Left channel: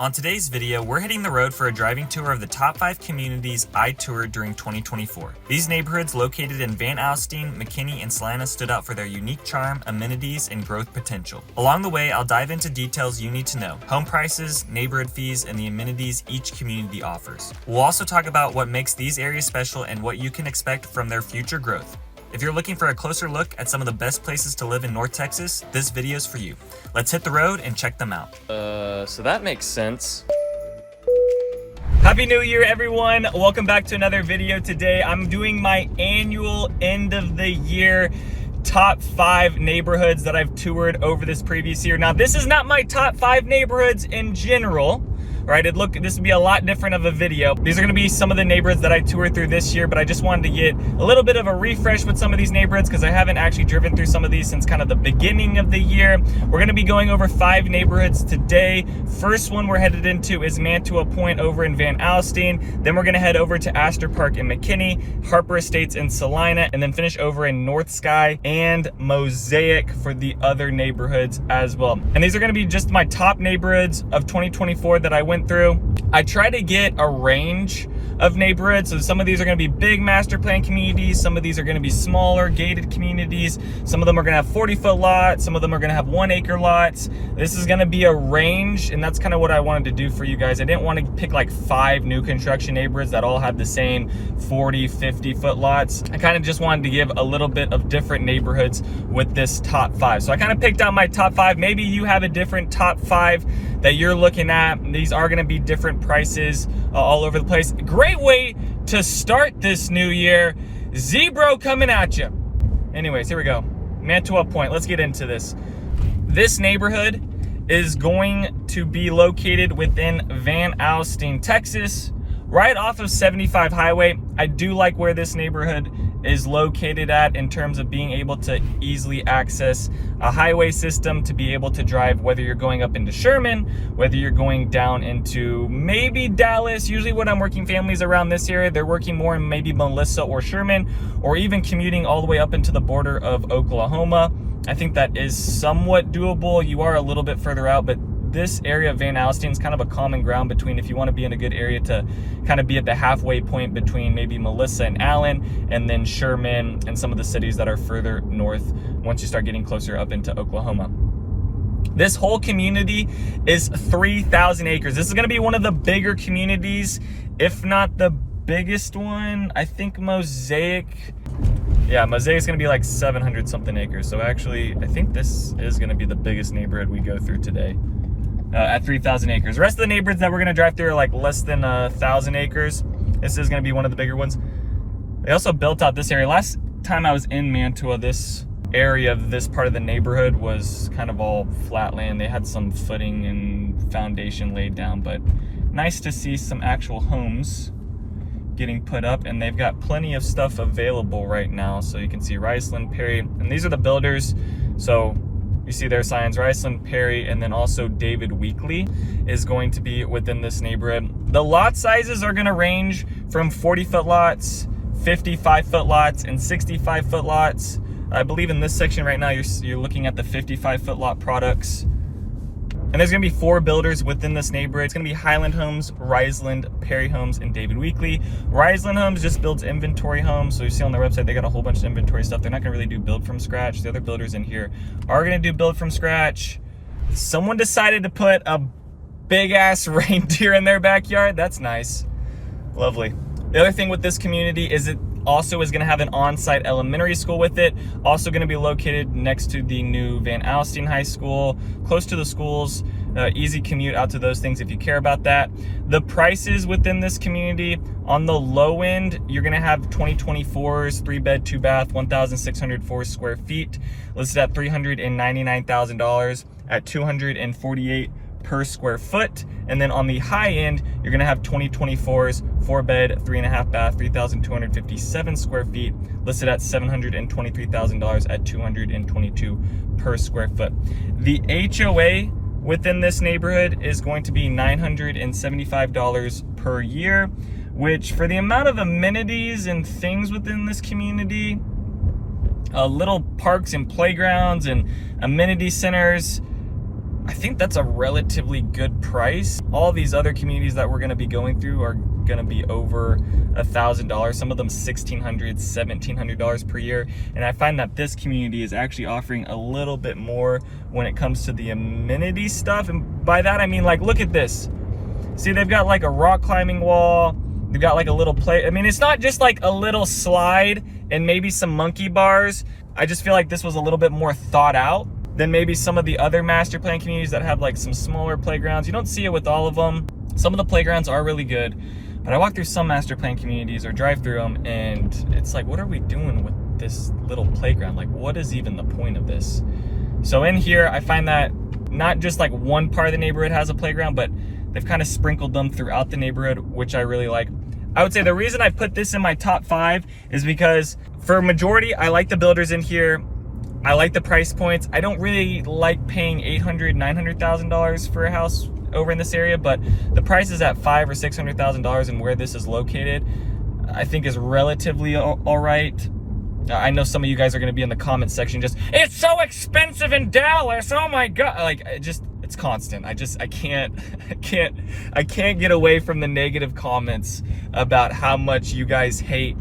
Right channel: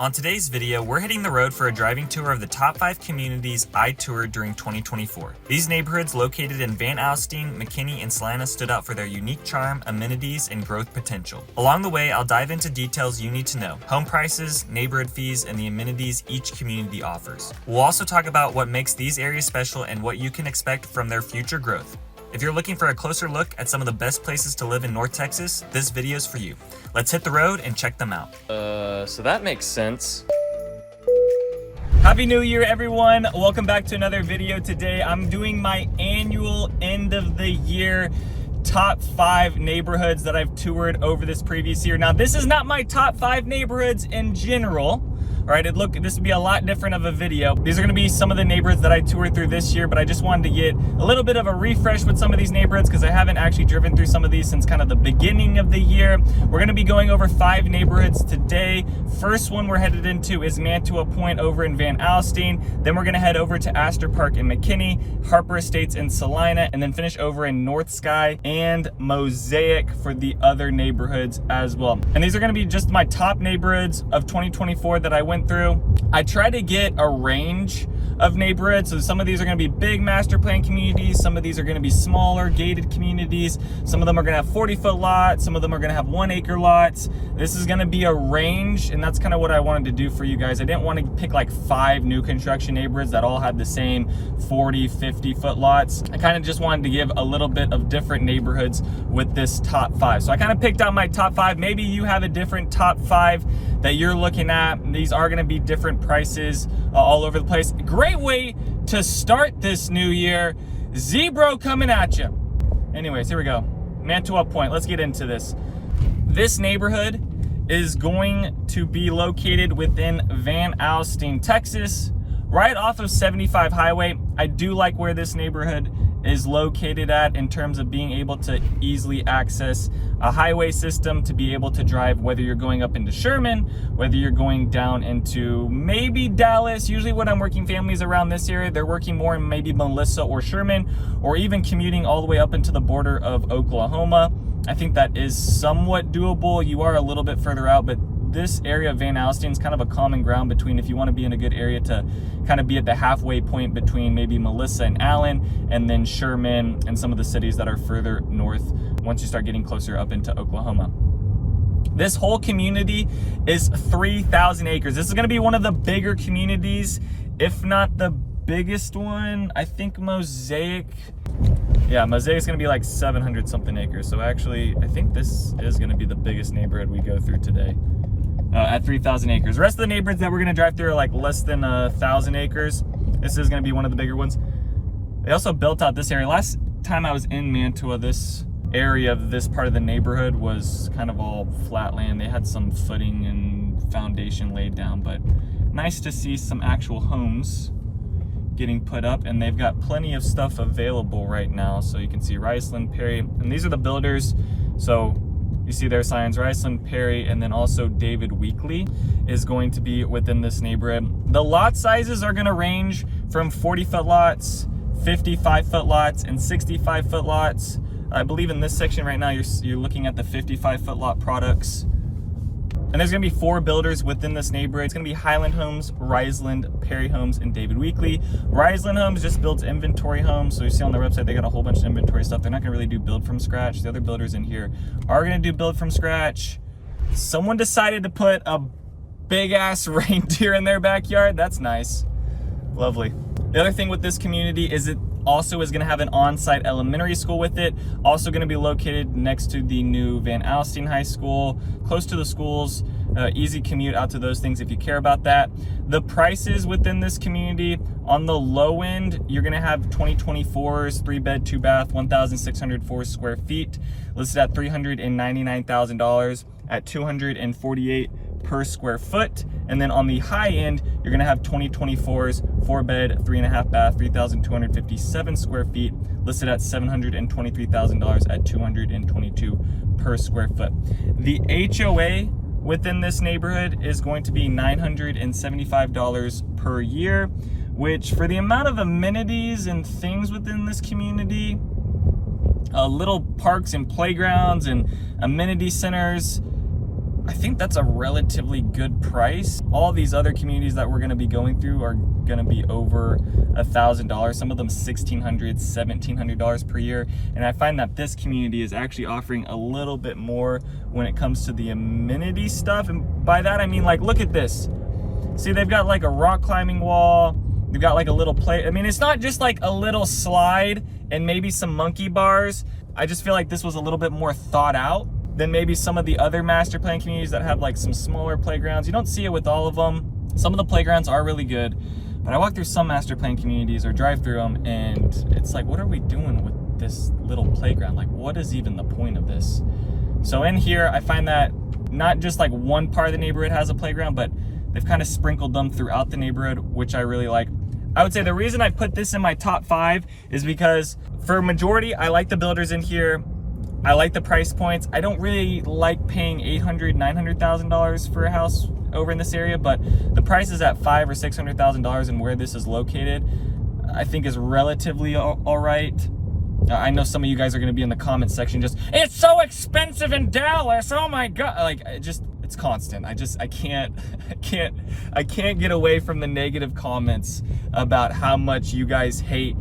On today's video, we're hitting the road for a driving tour of the top 5 communities I toured during 2024. These neighborhoods located in Van Alstyne, McKinney, and Salina stood out for their unique charm, amenities, and growth potential. Along the way, I'll dive into details you need to know: home prices, neighborhood fees, and the amenities each community offers. We'll also talk about what makes these areas special and what you can expect from their future growth. If you're looking for a closer look at some of the best places to live in North Texas, this video's for you. Let's hit the road and check them out. So that makes sense. Happy New Year, everyone. Welcome back to another video. Today, I'm doing my annual end of the year top 5 neighborhoods that I've toured over this previous year. Now, this is not my top 5 neighborhoods in general. Right, this would be a lot different of a video. These are gonna be some of the neighborhoods that I toured through this year, but I just wanted to get a little bit of a refresh with some of these neighborhoods because I haven't actually driven through some of these since kind of the beginning of the year. We're gonna be going over 5 neighborhoods today. First one we're headed into is Mantua Point over in Van Alstyne. Then we're gonna head over to Aster Park in McKinney, Harper Estates in Salina, and then finish over in North Sky and Mosaic for the other neighborhoods as well. And these are gonna be just my top neighborhoods of 2024 that I went through. I try to get a range of neighborhoods. So some of these are going to be big master plan communities. Some of these are going to be smaller gated communities. Some of them are going to have 40-foot lots. Some of them are going to have 1-acre lots. This is going to be a range, and that's kind of what I wanted to do for you guys. I didn't want to pick like 5 new construction neighborhoods that all had the same 40, 50-foot lots. I kind of just wanted to give a little bit of different neighborhoods with this top 5. So I kind of picked out my top 5. Maybe you have a different top 5 that you're looking at. These are going to be different prices all over the place. Great way to start this new year. Zebro coming at you. Anyways, here we go. Mantua Point. Let's get into this. This neighborhood is going to be located within Van Alstyne, Texas, right off of 75 Highway. I do like where this neighborhood is located at in terms of being able to easily access a highway system to be able to drive, whether you're going up into Sherman, whether you're going down into maybe Dallas. Usually when I'm working families around this area, they're working more in maybe Melissa or Sherman, or even commuting all the way up into the border of Oklahoma. I think that is somewhat doable. You are a little bit further out, but this area of Van Alstyne is kind of a common ground between, if you want to be in a good area to kind of be at the halfway point between maybe Melissa and Allen, and then Sherman and some of the cities that are further north once you start getting closer up into Oklahoma. This whole community is 3,000 acres. This is going to be one of the bigger communities, if not the biggest one. I think Mosaic, yeah, Mosaic's going to be like 700 something acres. So actually, I think this is going to be the biggest neighborhood we go through today. At 3,000 acres. The rest of the neighborhoods that we're gonna drive through are like less than 1,000 acres. This is gonna be one of the bigger ones. They also built out this area. Last time I was in Mantua, this area of this part of the neighborhood was kind of all flat land. They had some footing and foundation laid down, but nice to see some actual homes getting put up, and they've got plenty of stuff available right now. So you can see Riceland, Perry, and these are the builders. So you see their signs, Riceland, Perry, and then also David Weekley is going to be within this neighborhood. The lot sizes are gonna range from 40-foot lots, 55-foot lots, and 65-foot lots. I believe in this section right now, you're looking at the 55-foot lot products. And there's gonna be 4 builders within this neighborhood. It's gonna be Highland Homes, Riceland, Perry Homes, and David Weekley. Riceland Homes just builds inventory homes. So you see on their website, they got a whole bunch of inventory stuff. They're not gonna really do build from scratch. The other builders in here are gonna do build from scratch. Someone decided to put a big ass reindeer in their backyard. That's nice, lovely. The other thing with this community is it also is going to have an on-site elementary school with it. Also going to be located next to the new Van Alstyne High School, close to the schools. Easy commute out to those things if you care about that. The prices within this community, on the low end, you're going to have 2024s, 3-bed, 2-bath, 1,604 square feet, listed at $399,000 at $248 per square foot. And then on the high end, you're gonna have 2024s, 4-bed, 3.5-bath, 3,257 square feet, listed at $723,000 at $222 per square foot. The HOA within this neighborhood is going to be $975 per year, which for the amount of amenities and things within this community, little parks and playgrounds and amenity centers, I think that's a relatively good price. All these other communities that we're gonna be going through are gonna be over $1,000. Some of them $1,600, $1,700 per year. And I find that this community is actually offering a little bit more when it comes to the amenity stuff. And by that, I mean, like, look at this. See, they've got like a rock climbing wall. They've got like a little play. I mean, it's not just like a little slide and maybe some monkey bars. I just feel like this was a little bit more thought out than maybe some of the other master plan communities that have like some smaller playgrounds. You don't see it with all of them. Some of the playgrounds are really good, but I walk through some master plan communities or drive through them and it's like, what are we doing with this little playground? Like, what is even the point of this? So in here, I find that not just like one part of the neighborhood has a playground, but they've kind of sprinkled them throughout the neighborhood, which I really like. I would say the reason I put this in my top 5 is because for a majority, I like the builders in here. I like the price points. I don't really like paying $800,000, $900,000 for a house over in this area, but the prices at $500,000 or $600,000 and where this is located, I think is relatively all right. I know some of you guys are going to be in the comments section just, it's so expensive in Dallas. Oh my God. Like, it's constant. I can't get away from the negative comments about how much you guys hate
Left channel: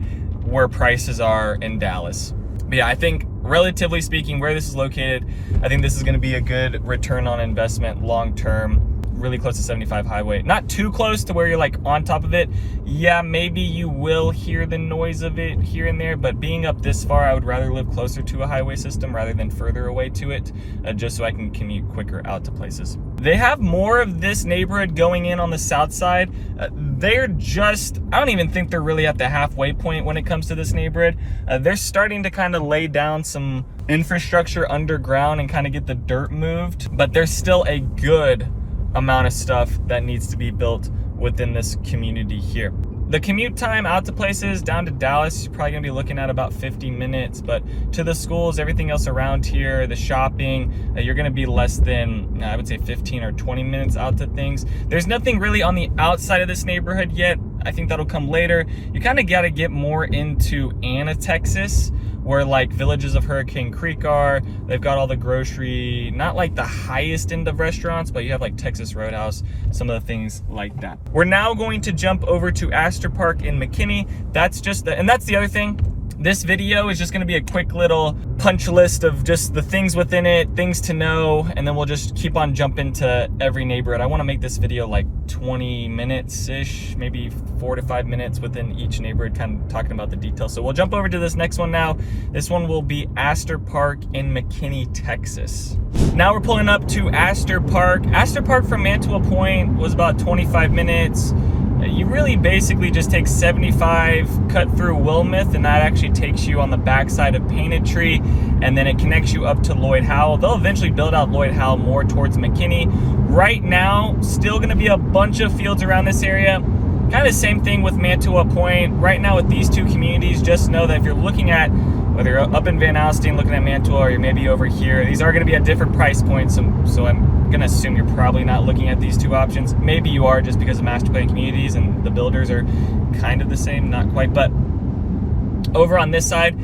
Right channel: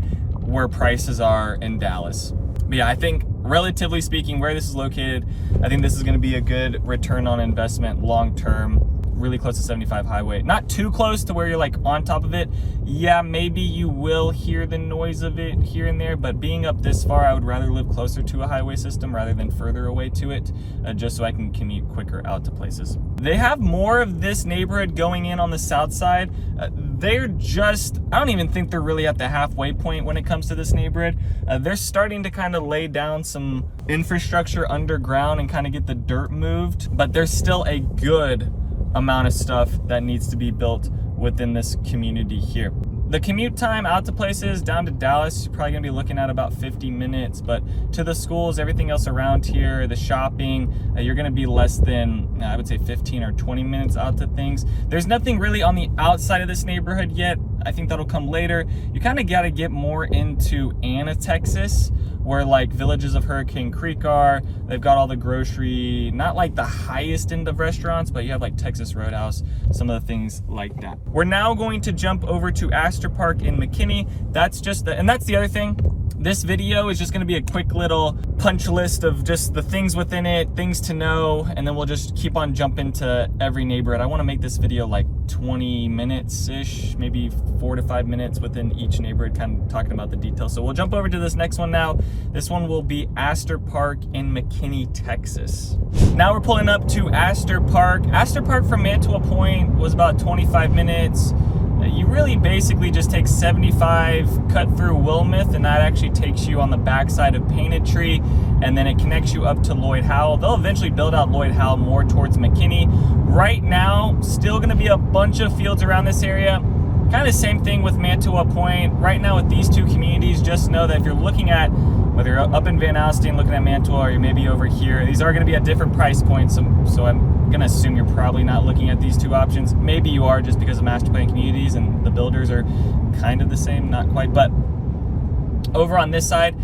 where prices are in Dallas. But yeah, I think relatively speaking, where this is located, I think this is going to be a good return on investment long term. Really close to 75 highway. Not too close to where you're like on top of it. Yeah, maybe you will hear the noise of it here and there, but being up this far, I would rather live closer to a highway system rather than further away to it, just so I can commute quicker out to places. They have more of this neighborhood going in on the south side. They're just, I don't even think they're really at the halfway point when it comes to this neighborhood. They're starting to kind of lay down some infrastructure underground and kind of get the dirt moved, but there's still a good amount of stuff that needs to be built within this community here. The commute time out to places down to Dallas, you're probably gonna be looking at about 50 minutes, but to the schools, everything else around here, the shopping, you're gonna be less than, I would say 15 or 20 minutes out to things. There's nothing really on the outside of this neighborhood yet. I think that'll come later. You kind of gotta get more into Anna, Texas, where like Villages of Hurricane Creek are. They've got all the grocery, not like the highest end of restaurants, but you have like Texas Roadhouse, some of the things like that. We're now going to jump over to Aster Park in McKinney. That's just and that's the other thing. This video is just gonna be a quick little punch list of just the things within it, things to know, and then we'll just keep on jumping to every neighborhood. I wanna make this video like 20 minutes-ish, maybe 4 to 5 minutes within each neighborhood, kind of talking about the details. So we'll jump over to this next one now. This one will be Aster Park in McKinney, Texas. Now we're pulling up to Aster Park. Aster Park from Mantua Point was about 25 minutes. You really basically just take 75, cut through Wilmouth, and that actually takes you on the backside of Painted Tree, and then it connects you up to Lloyd Howell. They'll eventually build out Lloyd Howell more towards McKinney. Right now, still gonna be a bunch of fields around this area. Kind of same thing with Mantua Point. Right now with these two communities, just know that if you're looking at, whether you're up in Van Alstyne looking at Mantua or you're maybe over here, these are gonna be at different price points, so I'm gonna assume you're probably not looking at these two options. Maybe you are, just because of master plan communities and the builders are kind of the same, not quite. But over on this side,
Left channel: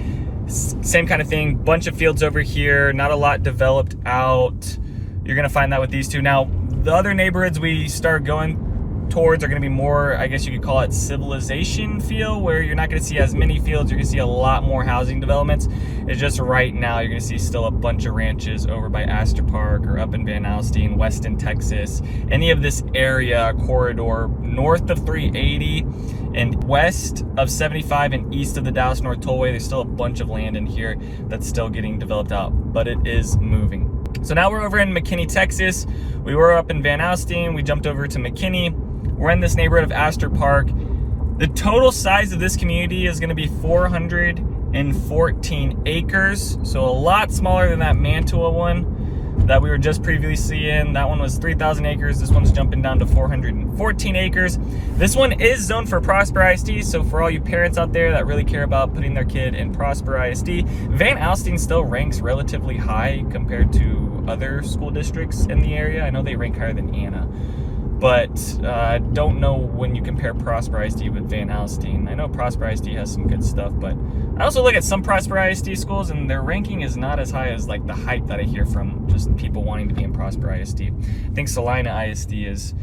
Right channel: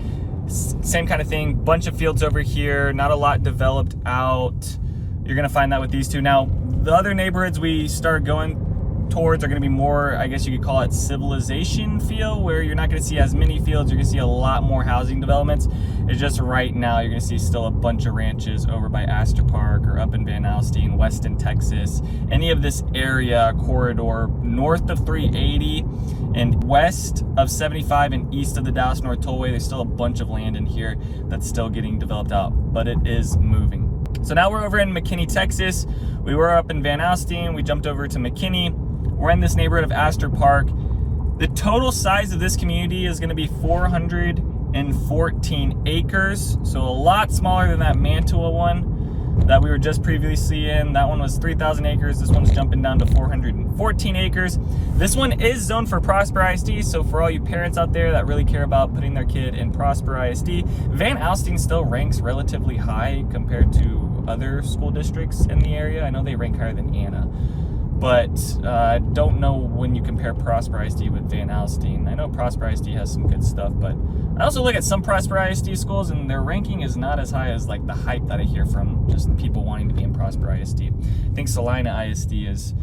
same kind of thing, bunch of fields over here, not a lot developed out. You're gonna find that with these two. Now, the other neighborhoods we start going towards are going to be more, I guess you could call it civilization feel, where you're not going to see as many fields. You're going to see a lot more housing developments. It's just right now you're going to see still a bunch of ranches over by Aster Park or up in Van Alstyne, Weston, Texas. Any of this area corridor north of 380 and west of 75 and east of the Dallas North Tollway, there's still a bunch of land in here that's still getting developed out, but it is moving. So now we're over in McKinney, Texas. We were up in Van Alstyne. We jumped over to McKinney. We're in this neighborhood of Aster Park. The total size of this community is gonna be 414 acres. So a lot smaller than that Mantua one that we were just previously in. That one was 3,000 acres. This one's jumping down to 414 acres. This one is zoned for Prosper ISD. So for all you parents out there that really care about putting their kid in Prosper ISD, Van Alstyne still ranks relatively high compared to other school districts in the area. I know they rank higher than Anna. but I don't know when you compare Prosper ISD with Van Alstyne. I know Prosper ISD has some good stuff, but I also look at some Prosper ISD schools and their ranking is not as high as like the hype that I hear from just people wanting to be in Prosper ISD. I think Salina ISD is,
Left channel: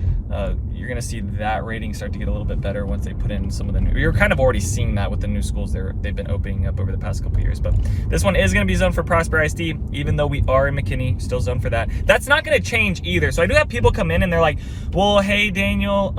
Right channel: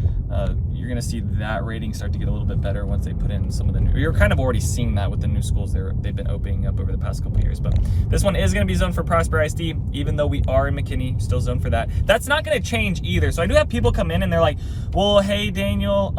you're gonna see that rating start to get a little bit better once they put in some of the new, you're kind of already seeing that with the new schools they've been opening up over the past couple years. But this one is gonna be zoned for Prosper ISD, even though we are in McKinney, still zoned for that. That's not gonna change either. So I do have people come in and they're like, well, hey Daniel,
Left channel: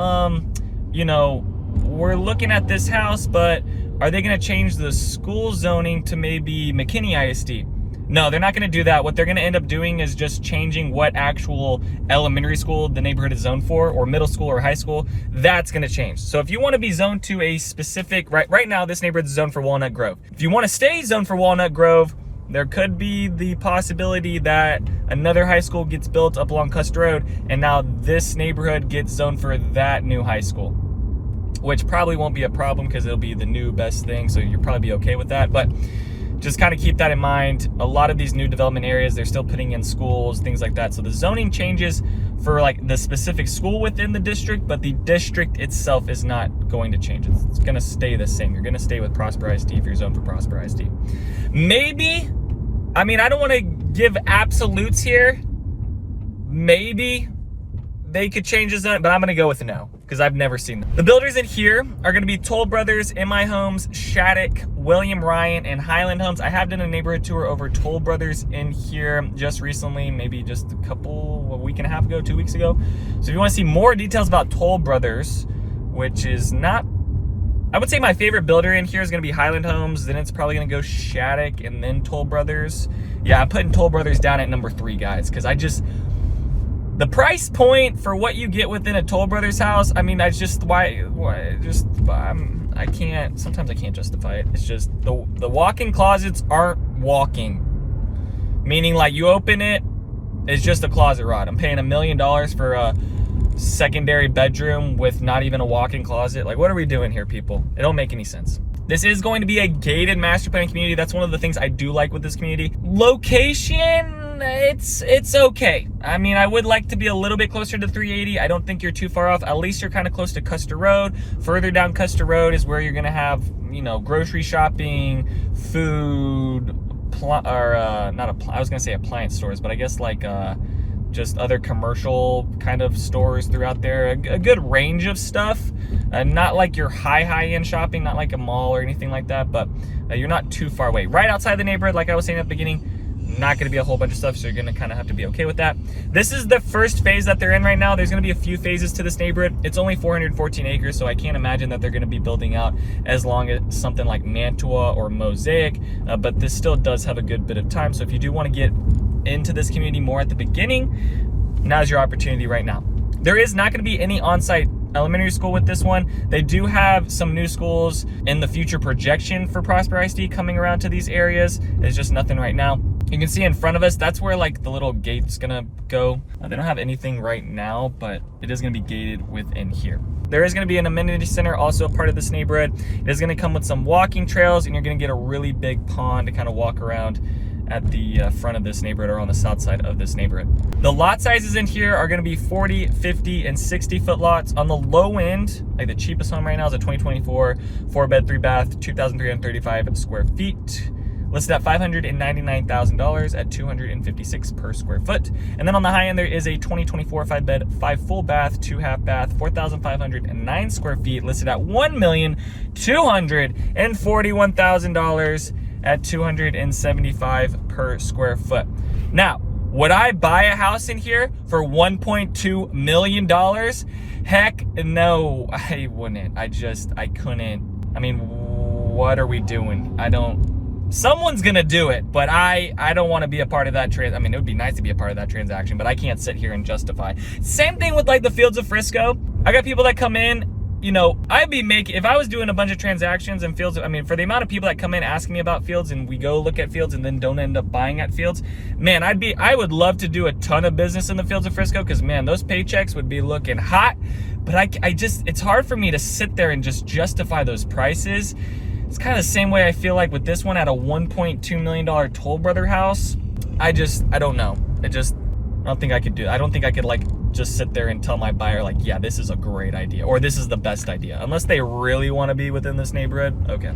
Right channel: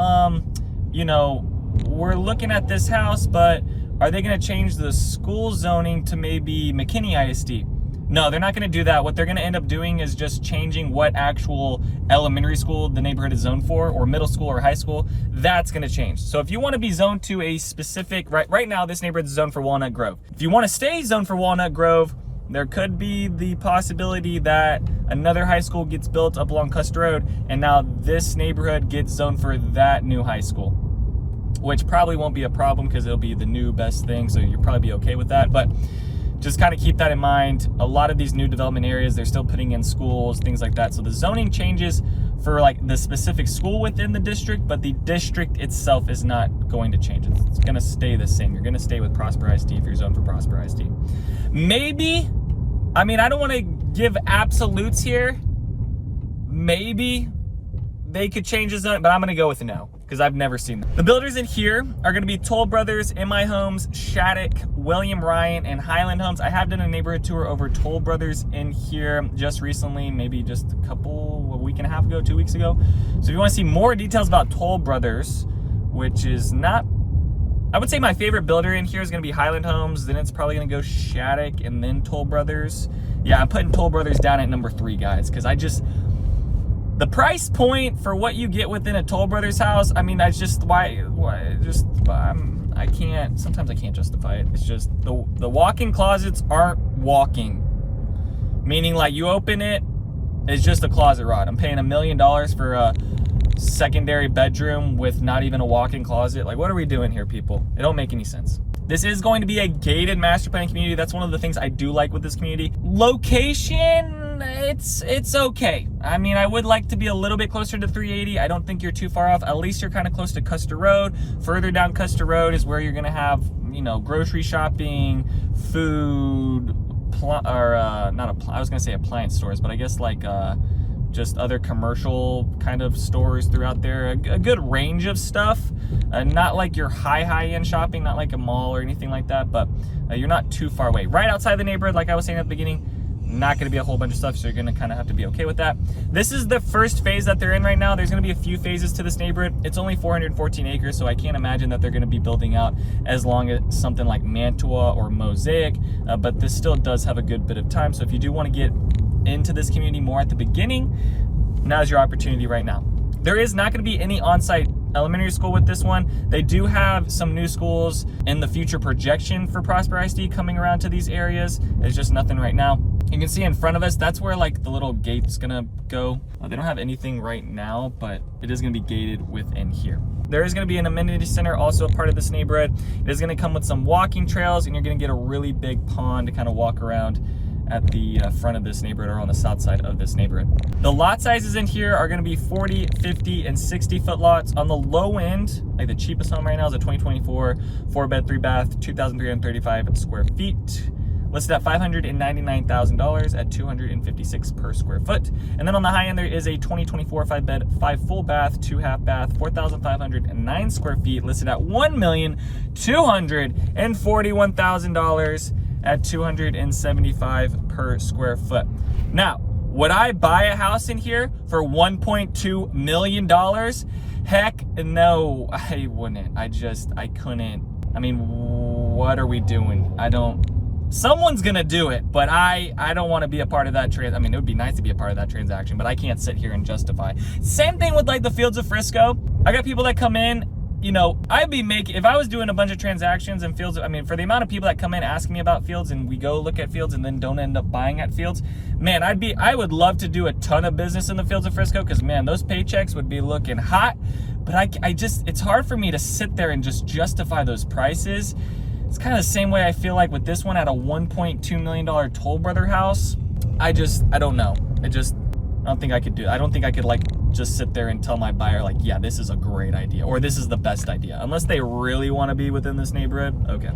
you know, we're looking at this house, but are they gonna change the school zoning to maybe McKinney ISD? No, they're not gonna do that. What they're gonna end up doing is just changing what actual elementary school the neighborhood is zoned for, or middle school or high school. That's gonna change. So if you wanna be zoned to a specific, right now this neighborhood is zoned for Walnut Grove. If you wanna stay zoned for Walnut Grove, there could be the possibility that another high school gets built up along Custer Road, and now this neighborhood gets zoned for that new high school, which probably won't be a problem because it'll be the new best thing, so you'll probably be okay with that. But just kind of keep that in mind. A lot of these new development areas, they're still putting in schools, things like that. So the zoning changes for like the specific school within the district, but the district itself is not going to change. It's going to stay the same. You're going to stay with Prosper ISD if you're zoned for Prosper ISD. Maybe, I mean, I don't want to give absolutes here. Maybe they could change the zone, but I'm going to go with a no, because I've never seen them. The builders in here are going to be Toll Brothers, MI Homes, Shattuck, William Ryan, and Highland Homes. I have done a neighborhood tour over Toll Brothers in here just recently, maybe just a week and a half ago, 2 weeks ago. So if you want to see more details about Toll Brothers, which is not, I would say my favorite builder in here is going to be Highland Homes, then it's probably going to go Shattuck and then Toll Brothers. Yeah, I'm putting Toll Brothers down at number 3, guys, because the price point for what you get within a Toll Brothers house, I mean, I can't, sometimes I can't justify it. It's just the walk-in closets aren't walking. Meaning like you open it, it's just a closet rod. I'm paying $1 million for a secondary bedroom with not even a walk-in closet. Like, what are we doing here, people? It don't make any sense. This is going to be a gated master plan community. That's one of the things I do like with this community. Location, it's okay. I mean, I would like to be a little bit closer to 380. I don't think you're too far off. At least you're kind of close to Custer Road. Further down Custer Road is where you're gonna have, you know, grocery shopping, food, I was gonna say appliance stores, but I guess like just other commercial kind of stores throughout there. A good range of stuff. Not like your high-end shopping, not like a mall or anything like that, but you're not too far away. Right outside the neighborhood, like I was saying at the beginning, not going to be a whole bunch of stuff, so you're going to kind of have to be okay with that. This is the first phase that they're in right now. There's going to be a few phases to this neighborhood. It's only 414 acres, so I can't imagine that they're going to be building out as long as something like Mantua or Mosaic, but this still does have a good bit of time. So if you do want to get into this community more at the beginning, now's your opportunity right now. There is not going to be any on-site elementary school with this one. They do have some new schools in the future projection for Prosper ISD coming around to these areas. There's just nothing right now. You can see in front of us, that's where like the little gate's gonna go. They don't have anything right now, but it is gonna be gated within here. There is gonna be an amenity center, also a part of this neighborhood. It is gonna come with some walking trails, and you're gonna get a really big pond to kind of walk around at the front of this neighborhood, or on the south side of this neighborhood. The lot sizes in here are gonna be 40, 50, and 60-foot lots. On the low end, like the cheapest home right now is a 2024 4-bed, 3-bath, 2,335 square feet. Listed at $599,000 at $256 per square foot. And then on the high end, there is a 2024 5-bed, 5 full bath, 2 half bath, 4,509 square feet, listed at $1,241,000 at $275 per square foot. Now, would I buy a house in here for $1.2 million? Heck no, I wouldn't. I couldn't. I mean, what are we doing? Someone's gonna do it, but I don't want to be a part of that I mean, it would be nice to be a part of that transaction, but I can't sit here and justify. Same thing with like the Fields of Frisco. I got people that come in, you know, if I was doing a bunch of transactions in Fields, I mean, for the amount of people that come in asking me about Fields, and we go look at Fields and then don't end up buying at Fields, man, I would love to do a ton of business in the Fields of Frisco, because man, those paychecks would be looking hot. But it's hard for me to sit there and just justify those prices. It's kind of the same way I feel like with this one at a $1.2 million Toll Brother house. I don't know. I don't think I could do it. I don't think I could like just sit there and tell my buyer like, yeah, this is a great idea, or this is the best idea. Unless they really want to be within this neighborhood, okay,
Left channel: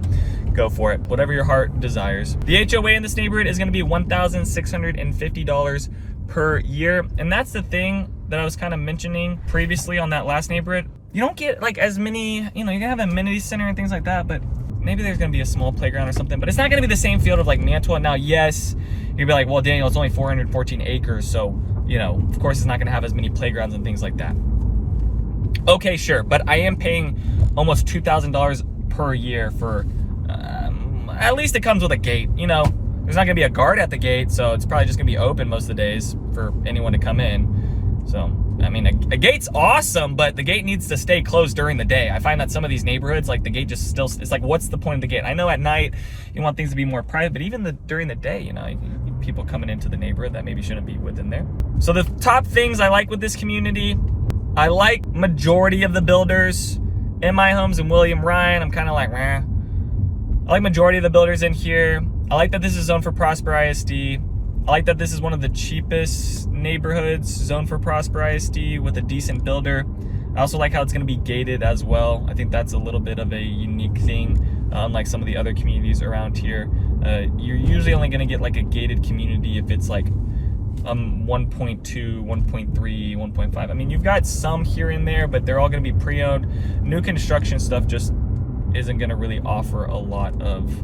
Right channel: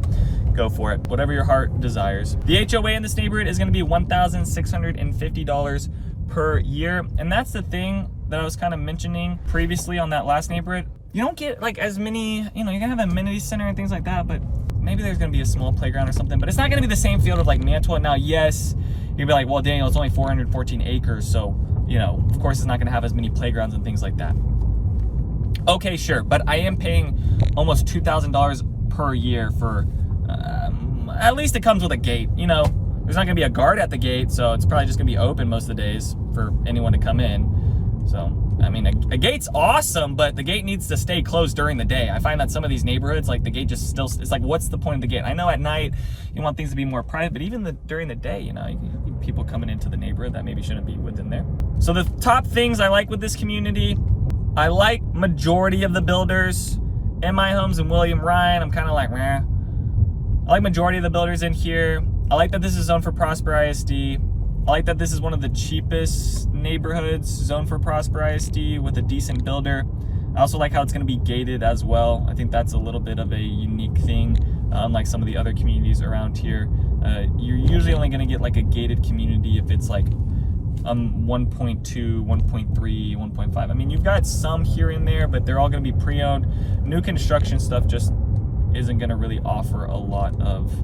go for it. Whatever your heart desires. The HOA in this neighborhood is going to be $1,650 per year. And that's the thing that I was kind of mentioning previously on that last neighborhood. You don't get like as many, you know, you can have an amenity center and things like that, but maybe there's going to be a small playground or something, but it's not going to be the same field of like Mantua. Now, yes, you'd be like, well, Daniel, it's only 414 acres. So, you know, of course it's not going to have as many playgrounds and things like that. Okay, sure. But I am paying almost $2,000 per year for, at least it comes with a gate. You know, there's not going to be a guard at the gate, so it's probably just going to be open most of the days for anyone to come in. So, I mean, a gate's awesome, but the gate needs to stay closed during the day. I find that some of these neighborhoods, like the gate just still, it's like, what's the point of the gate? I know at night you want things to be more private, but even during the day, you know, people coming into the neighborhood that maybe shouldn't be within there. So the top things I like with this community, I like majority of the builders in my homes in William Ryan. I'm kind of like, meh. I like majority of the builders in here. I like that this is zoned for Prosper ISD. I like that this is one of the cheapest neighborhoods zoned for Prosper ISD with a decent builder. I also like how it's going to be gated as well. I think that's a little bit of a unique thing, unlike some of the other communities around here. You're usually only going to get like a gated community if it's like 1.2, 1.3, 1.5. I mean, you've got some here and there, but they're all going to be pre-owned. New construction stuff just isn't going to really offer a lot of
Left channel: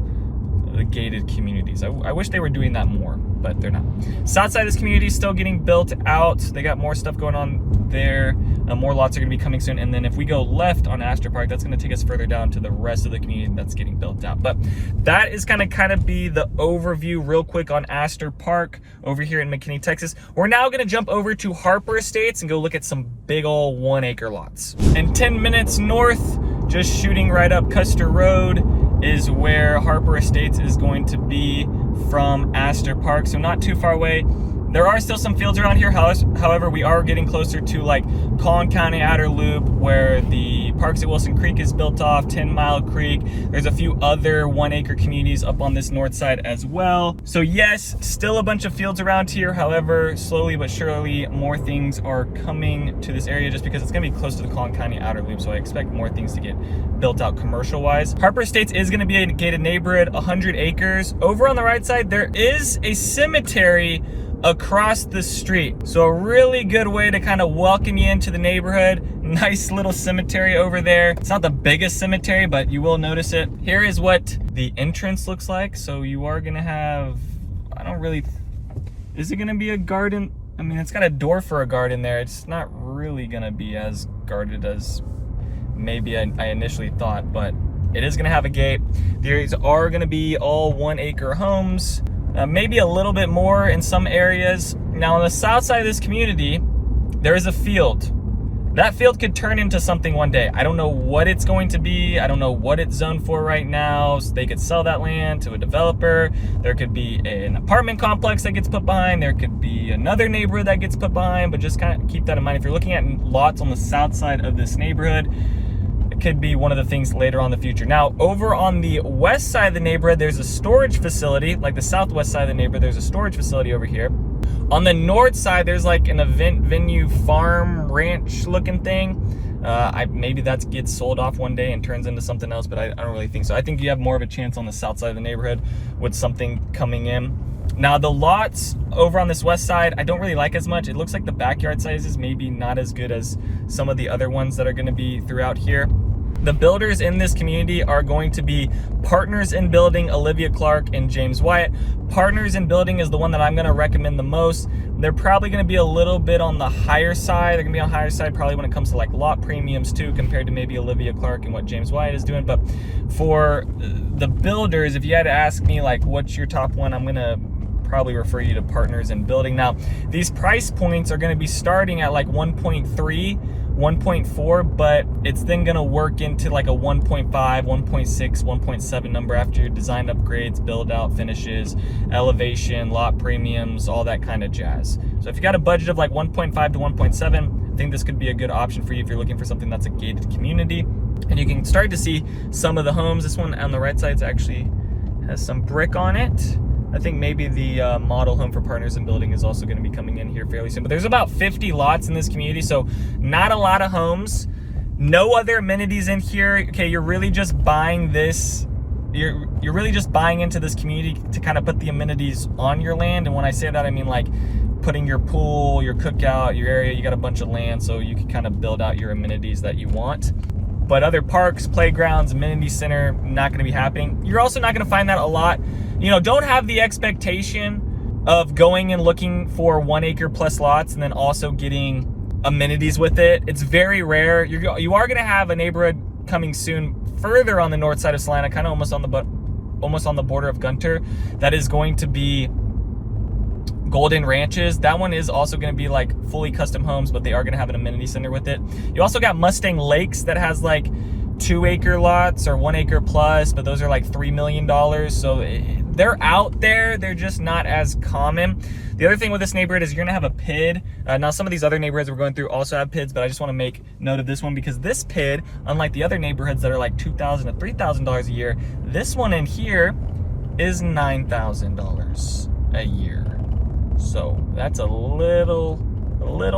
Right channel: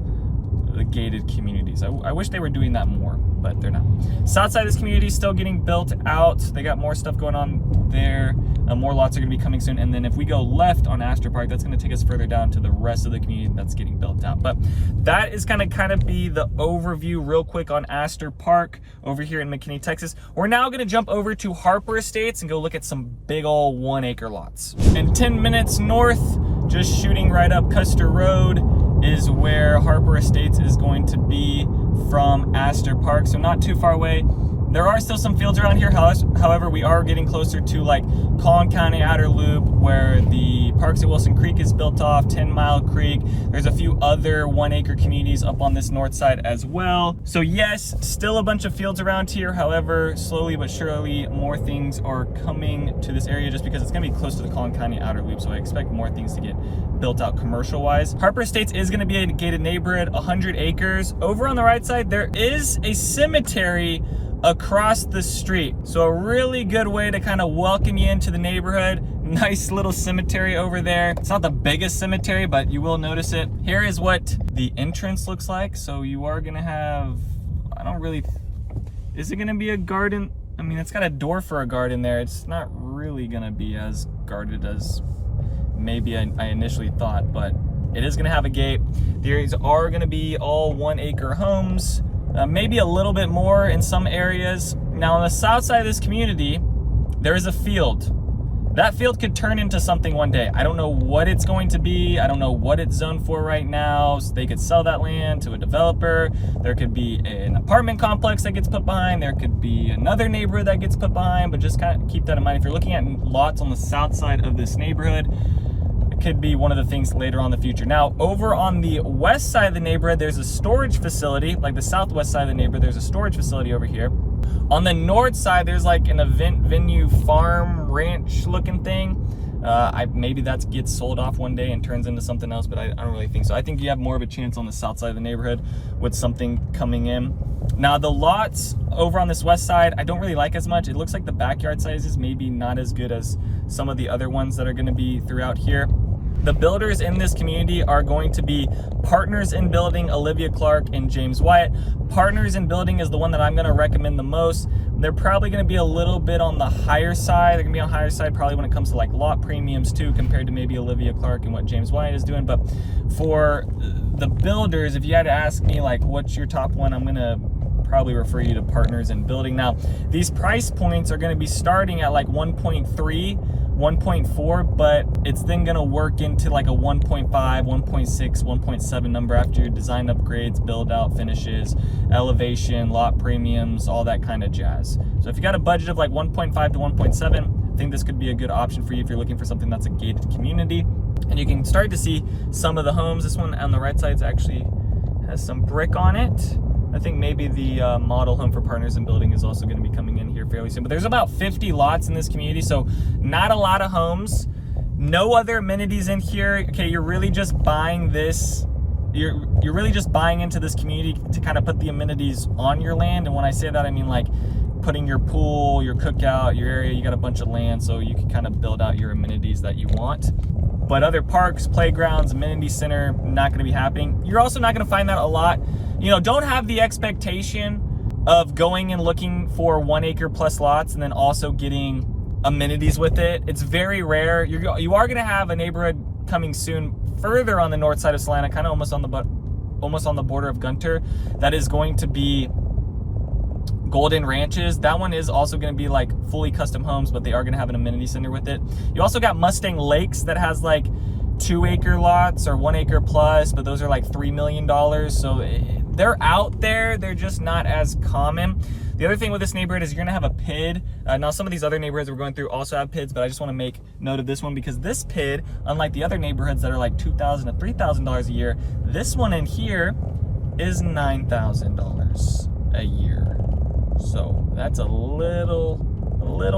the gated communities. I wish they were doing that more, but they're not. South side of this community is still getting built out. They got more stuff going on there. More lots are going to be coming soon. And then if we go left on Aster Park, that's going to take us further down to the rest of the community that's getting built out. But that is going to kind of be the overview real quick on Aster Park over here in McKinney, Texas. We're now going to jump over to Harper Estates and go look at some big old 1 acre lots. In 10 minutes north, just shooting right up Custer Road, is where Harper Estates is going to be from Aster Park, so not too far away. There are still some fields around here, however, we are getting closer to like Collin County Outer Loop, where the Parks at Wilson Creek is built off, 10 Mile Creek. There's a few other 1 acre communities up on this north side as well. So yes, still a bunch of fields around here. However, slowly but surely, more things are coming to this area just because it's gonna be close to the Collin County Outer Loop. So I expect more things to get built out commercial wise. Harper Estates is gonna be a gated neighborhood, 100 acres. Over on the right side, there is a cemetery across the street. So a really good way to kind of welcome you into the neighborhood. Nice little cemetery over there. It's not the biggest cemetery, but you will notice it. Here is what the entrance looks like. So you are gonna have, is it gonna be a garden? I mean, it's got a door for a garden there. It's not really gonna be as guarded as maybe I initially thought, but it is gonna have a gate. These are gonna be all 1 acre homes. Maybe a little bit more in some areas. Now on the south side of this community, there is a field. That field could turn into something one day. I don't know what it's going to be. I don't know what it's zoned for right now. So they could sell that land to a developer. There could be an apartment complex that gets put behind. There could be another neighborhood that gets put behind, but just kind of keep that in mind. If you're looking at lots on the south side of this neighborhood, could be one of the things later on in the future. Now, over on the west side of the neighborhood, there's a storage facility. Like the southwest side of the neighborhood, there's a storage facility over here. On the north side, there's like an event venue, farm, ranch looking thing. Maybe that gets sold off one day and turns into something else, but I don't really think so. I think you have more of a chance on the south side of the neighborhood with something coming in. Now, the lots over on this west side, I don't really like as much. It looks like the backyard sizes maybe not as good as some of the other ones that are going to be throughout here. The builders in this community are going to be Partners in Building, Olivia Clark and James Wyatt. Partners in Building is the one that I'm going to recommend the most. They're probably going to be a little bit on the higher side. They're going to be on the higher side probably when it comes to like lot premiums too, compared to maybe Olivia Clark and what James Wyatt is doing. But for the builders, if you had to ask me like what's your top one, I'm going to probably refer you to Partners in Building. Now, these price points are going to be starting at like 1.3, 1.4, but it's then going to work into like a 1.5, 1.6, 1.7 number after your design upgrades, build out, finishes, elevation, lot premiums, all that kind of jazz. So if you got a budget of like 1.5 to 1.7, I think this could be a good option for you if you're looking for something that's a gated community. And you can start to see some of the homes. This one on the right side actually has some brick on it. I think maybe the model home for Partners in Building is also going to be coming in here fairly soon. But there's about 50 lots in this community, so not a lot of homes. No other amenities in here. Okay, you're really just buying this. You're really just buying into this community to kind of put the amenities on your land. And when I say that, I mean like putting your pool, your cookout, your area. You got a bunch of land, so you can kind of build out your amenities that you want. But other parks, playgrounds, amenity center, not going to be happening. You're also not going to find that a lot. You know, don't have the expectation of going and looking for 1 acre plus lots and then also getting amenities with it. It's very rare. You are going to have a neighborhood coming soon further on the north side of Salina, kind of almost on the border of Gunter, that is going to be Golden Ranches. That one is also going to be like fully custom homes, but they are going to have an amenity center with it. You also got Mustang Lakes that has like 2 acre lots or 1 acre plus, but those are like $3 million. So they're out there. They're just not as common. The other thing with this neighborhood is you're gonna have a PID. Now some of these other neighborhoods we're going through also have PIDs, but I just want to make note of this one because this PID, unlike the other neighborhoods that are like $2,000 to $3,000 a year, this one in here is $9,000 a year. So that's a little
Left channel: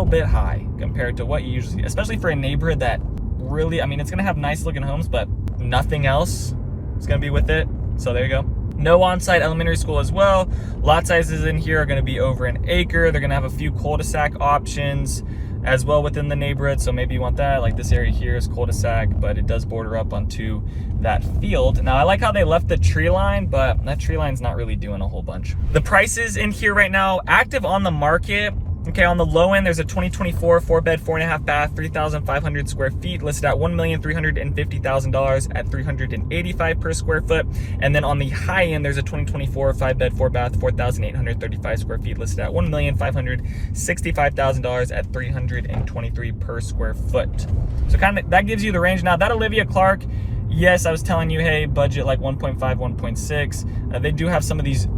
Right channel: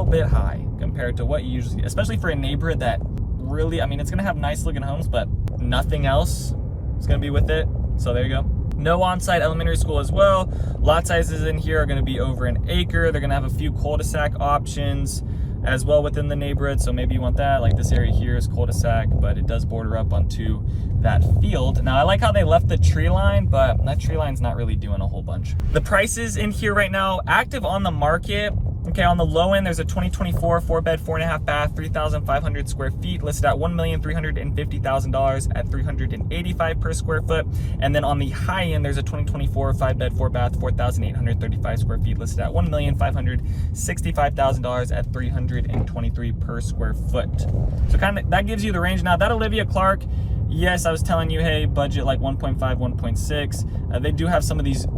bit high compared to what you usually see, especially for a neighborhood that really, I mean, it's gonna have nice looking homes, but nothing else is gonna be with it. So there you go. No on-site elementary school as well. Lot sizes in here are going to be over an acre. They're going to have a few cul-de-sac options as well within the neighborhood. So maybe you want that. Like this area here is cul-de-sac, but it does border up onto that field. Now I like how they left the tree line, but that tree line's not really doing a whole bunch. The prices in here right now, active on the market. Okay, on the low end, there's a 2024 4-bed, 4.5 bath, 3,500 square feet, listed at $1,350,000 at $385 per square foot. And then on the high end, there's a 2024 5-bed, 4-bath, 4,835 square feet, listed at $1,565,000 at $323 per square foot. So kind of that gives you the range. Now that Olivia Clark, yes, I was telling you, hey, budget like 1.5, 1.6. They do have some of these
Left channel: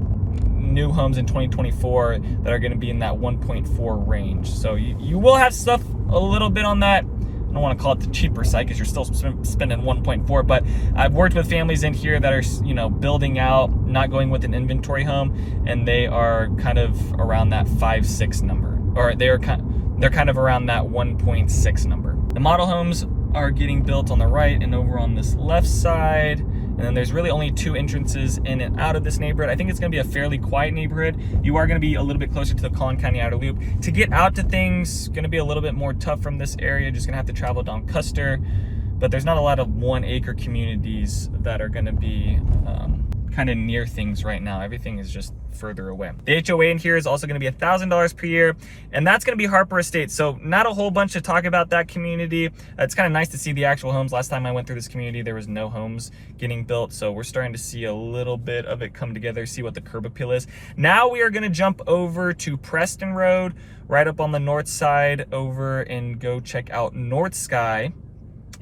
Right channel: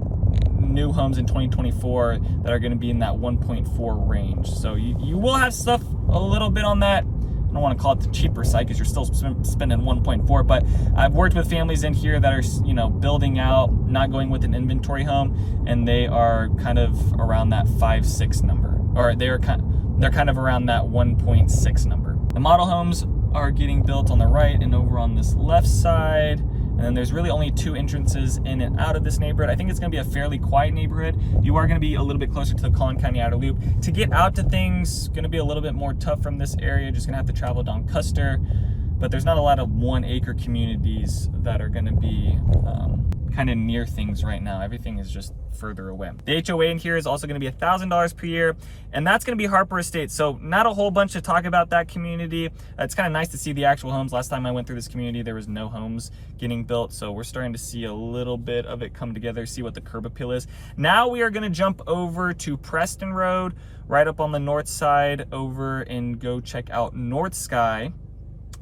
new homes in 2024 that are going to be in that 1.4 range. So you will have stuff a little bit on that. I don't want to call it the cheaper side because you're still spending 1.4, but I've worked with families in here that are, you know, building out, not going with an inventory home, and they are kind of around that 5.6 number, or they're kind of around that 1.6 number. The model homes are getting built on the right and over on this left side. And then there's really only 2 entrances in and out of this neighborhood. I think it's gonna be a fairly quiet neighborhood. You are gonna be a little bit closer to the Collin County Outer Loop. To get out to things, gonna be a little bit more tough from this area. Just gonna have to travel down Custer. But there's not a lot of 1 acre communities that are gonna be kind of near things right now. Everything is just further away. The HOA in here is also going to be $1,000 per year, and that's going to be Harper Estates. So not a whole bunch to talk about that community. It's kind of nice to see the actual homes. Last time I went through this community, there was no homes getting built. So we're starting to see a little bit of it come together, see what the curb appeal is. Now we are going to jump over to Preston Road, right up on the north side over, and go check out North Sky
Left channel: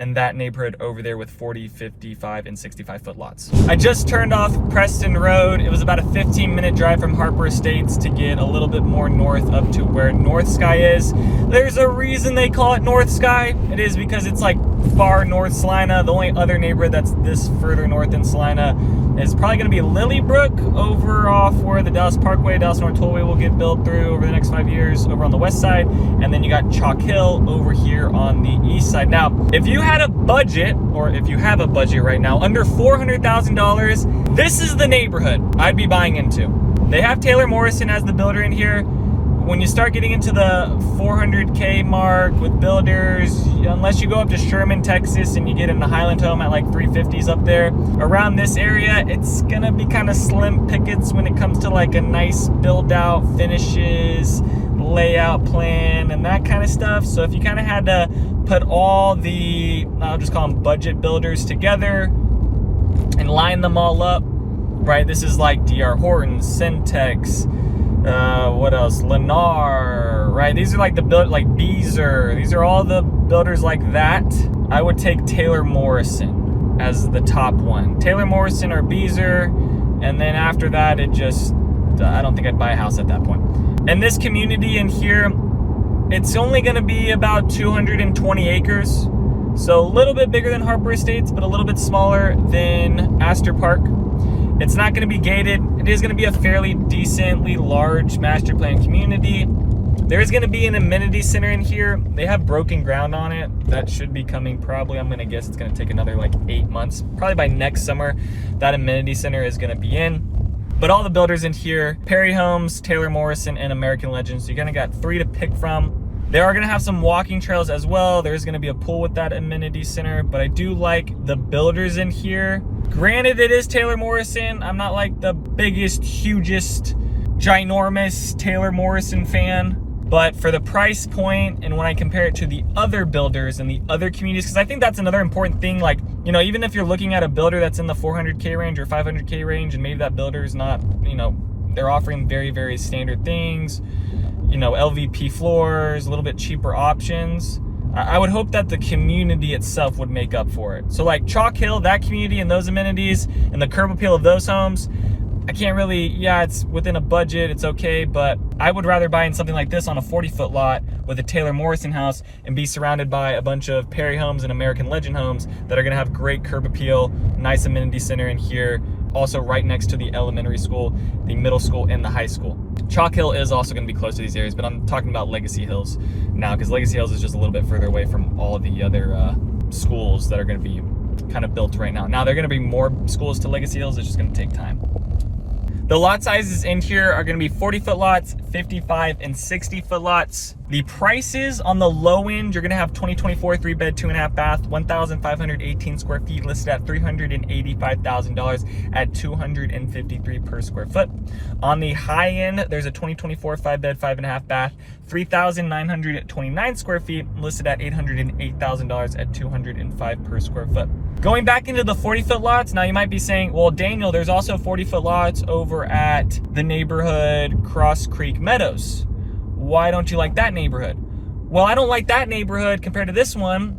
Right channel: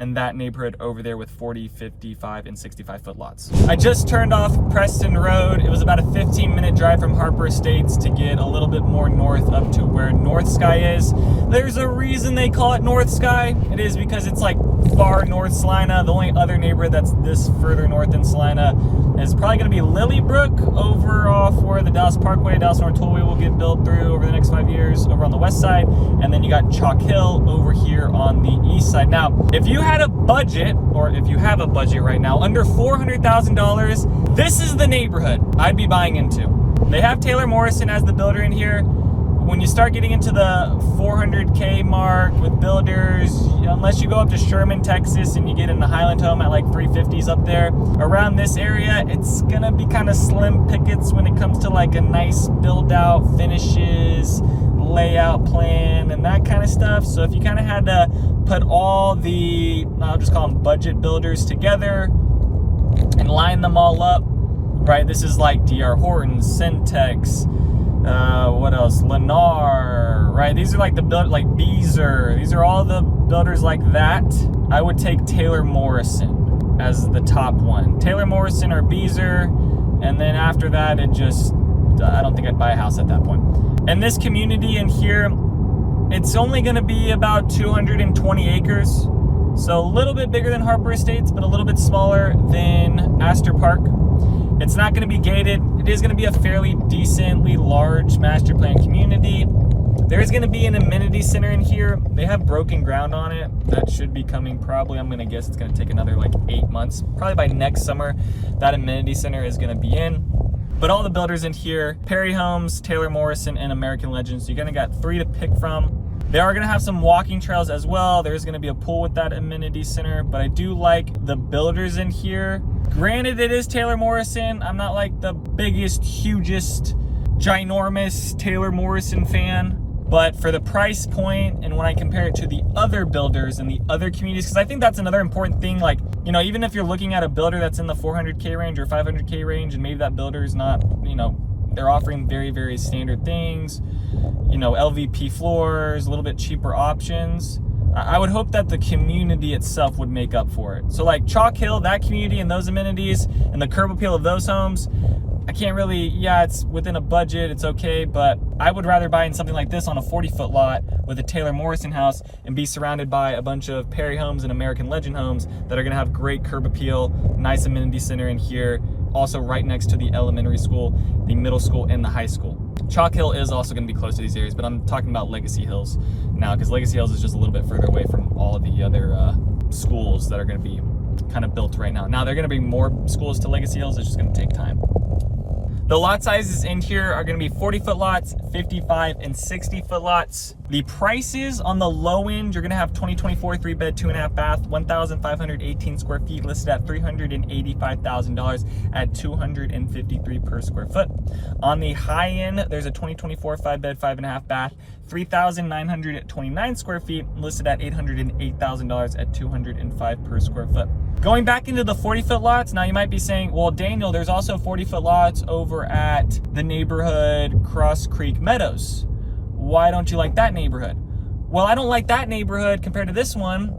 and that neighborhood over there with 40, 55, and 65 foot lots. I just turned off Preston Road. It was about a 15-minute drive from Harper Estates to get a little bit more north up to where North Sky is. There's a reason they call it North Sky. It is because it's like far north Salina. The only other neighborhood that's this further north than Salina is probably gonna be Lilybrook over off where the Dallas Parkway, Dallas North Tollway will get built through over the next 5 years over on the west side. And then you got Chalk Hill over here on the east side. Now, if you had a budget, or if you have a budget right now, under $400,000, this is the neighborhood I'd be buying into. They have Taylor Morrison as the builder in here. When you start getting into the 400K mark with builders, unless you go up to Sherman, Texas, and you get in a Highland home at like 350s up there, around this area, it's gonna be kind of slim pickets when it comes to like a nice build out, finishes, layout plan, and that kind of stuff. So if you kind of had to put all the, I'll just call them budget builders together and line them all up, right? This is like DR Horton, Syntex, what else? Lennar, right? These are like the build, like Beazer. These are all the builders like that. I would take Taylor Morrison as the top one. Taylor Morrison or Beazer, and then after that, it just, I don't think I'd buy a house at that point. And this community in here, it's only going to be about 220 acres. So a little bit bigger than Harper Estates, but a little bit smaller than Aster Park. It's not going to be gated. It is gonna be a fairly decently large master plan community. There is gonna be an amenity center in here. They have broken ground on it. That should be coming probably, I'm gonna guess it's gonna take another like 8 months. Probably by next summer, that amenity center is gonna be in. But all the builders in here, Perry Homes, Taylor Morrison, and American Legends, so you're gonna got 3 to pick from. They are gonna have some walking trails as well. There's gonna be a pool with that amenity center, but I do like the builders in here. Granted, it is Taylor Morrison. I'm not like the biggest, hugest, ginormous Taylor Morrison fan. But for the price point, and when I compare it to the other builders and the other communities, because I think that's another important thing, like, you know, even if you're looking at a builder that's in the 400K range or 500K range, and maybe that builder is not, you know, they're offering very, very standard things, you know, LVP floors, a little bit cheaper options. I would hope that the community itself would make up for it. So like Chalk Hill, that community and those amenities and the curb appeal of those homes, I can't really, yeah, it's within a budget, it's okay, but I would rather buy in something like this on a 40-foot lot with a Taylor Morrison house and be surrounded by a bunch of Perry Homes and American Legend homes that are gonna have great curb appeal, nice amenity center in here, also right next to the elementary school, the middle school, and the high school. Chalk Hill is also gonna be close to these areas, but I'm talking about Legacy Hills now, because Legacy Hills is just a little bit further away from all of the other schools that are gonna be kind of built right now. Now, they're gonna bring more schools to Legacy Hills, it's just gonna take time. The lot sizes in here are gonna be 40-foot lots, 55 and 60-foot lots. The prices on the low end, you're gonna have 2024 3-bed, 2.5 bath, 1,518 square feet, listed at $385,000 at $253 per square foot. On the high end, there's a 2024 5-bed, 5.5 bath, 3,929 square feet, listed at $808,000 at $205 per square foot. Going back into the 40-foot lots, now you might be saying, well, Daniel, there's also 40-foot lots over at the neighborhood Cross Creek Meadows. Why don't you like that neighborhood? Well, I don't like that neighborhood compared to this one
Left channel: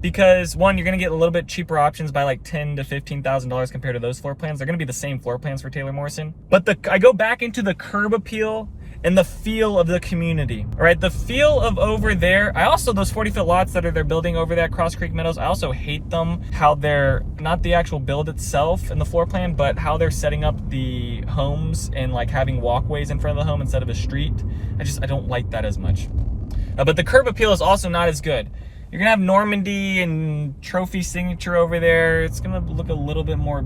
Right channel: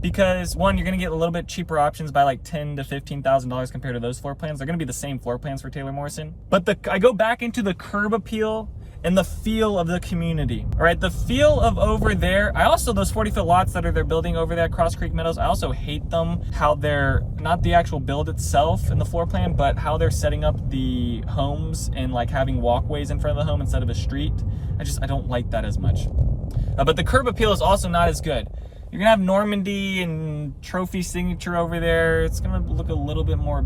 because, one, you're gonna get a little bit cheaper options by like $10,000 to $15,000 compared to those floor plans. They're gonna be the same floor plans for Taylor Morrison. But I go back into the curb appeal and the feel of the community. All right, the feel of over there, I also, those 40-foot lots that they're building over there at Cross Creek Meadows, I also hate them, how they're, not the actual build itself in the floor plan, but how they're setting up the homes and like having walkways in front of the home instead of a street. I don't like that as much. But the curb appeal is also not as good. You're gonna have Normandy and Trophy Signature over there. It's gonna look a little bit more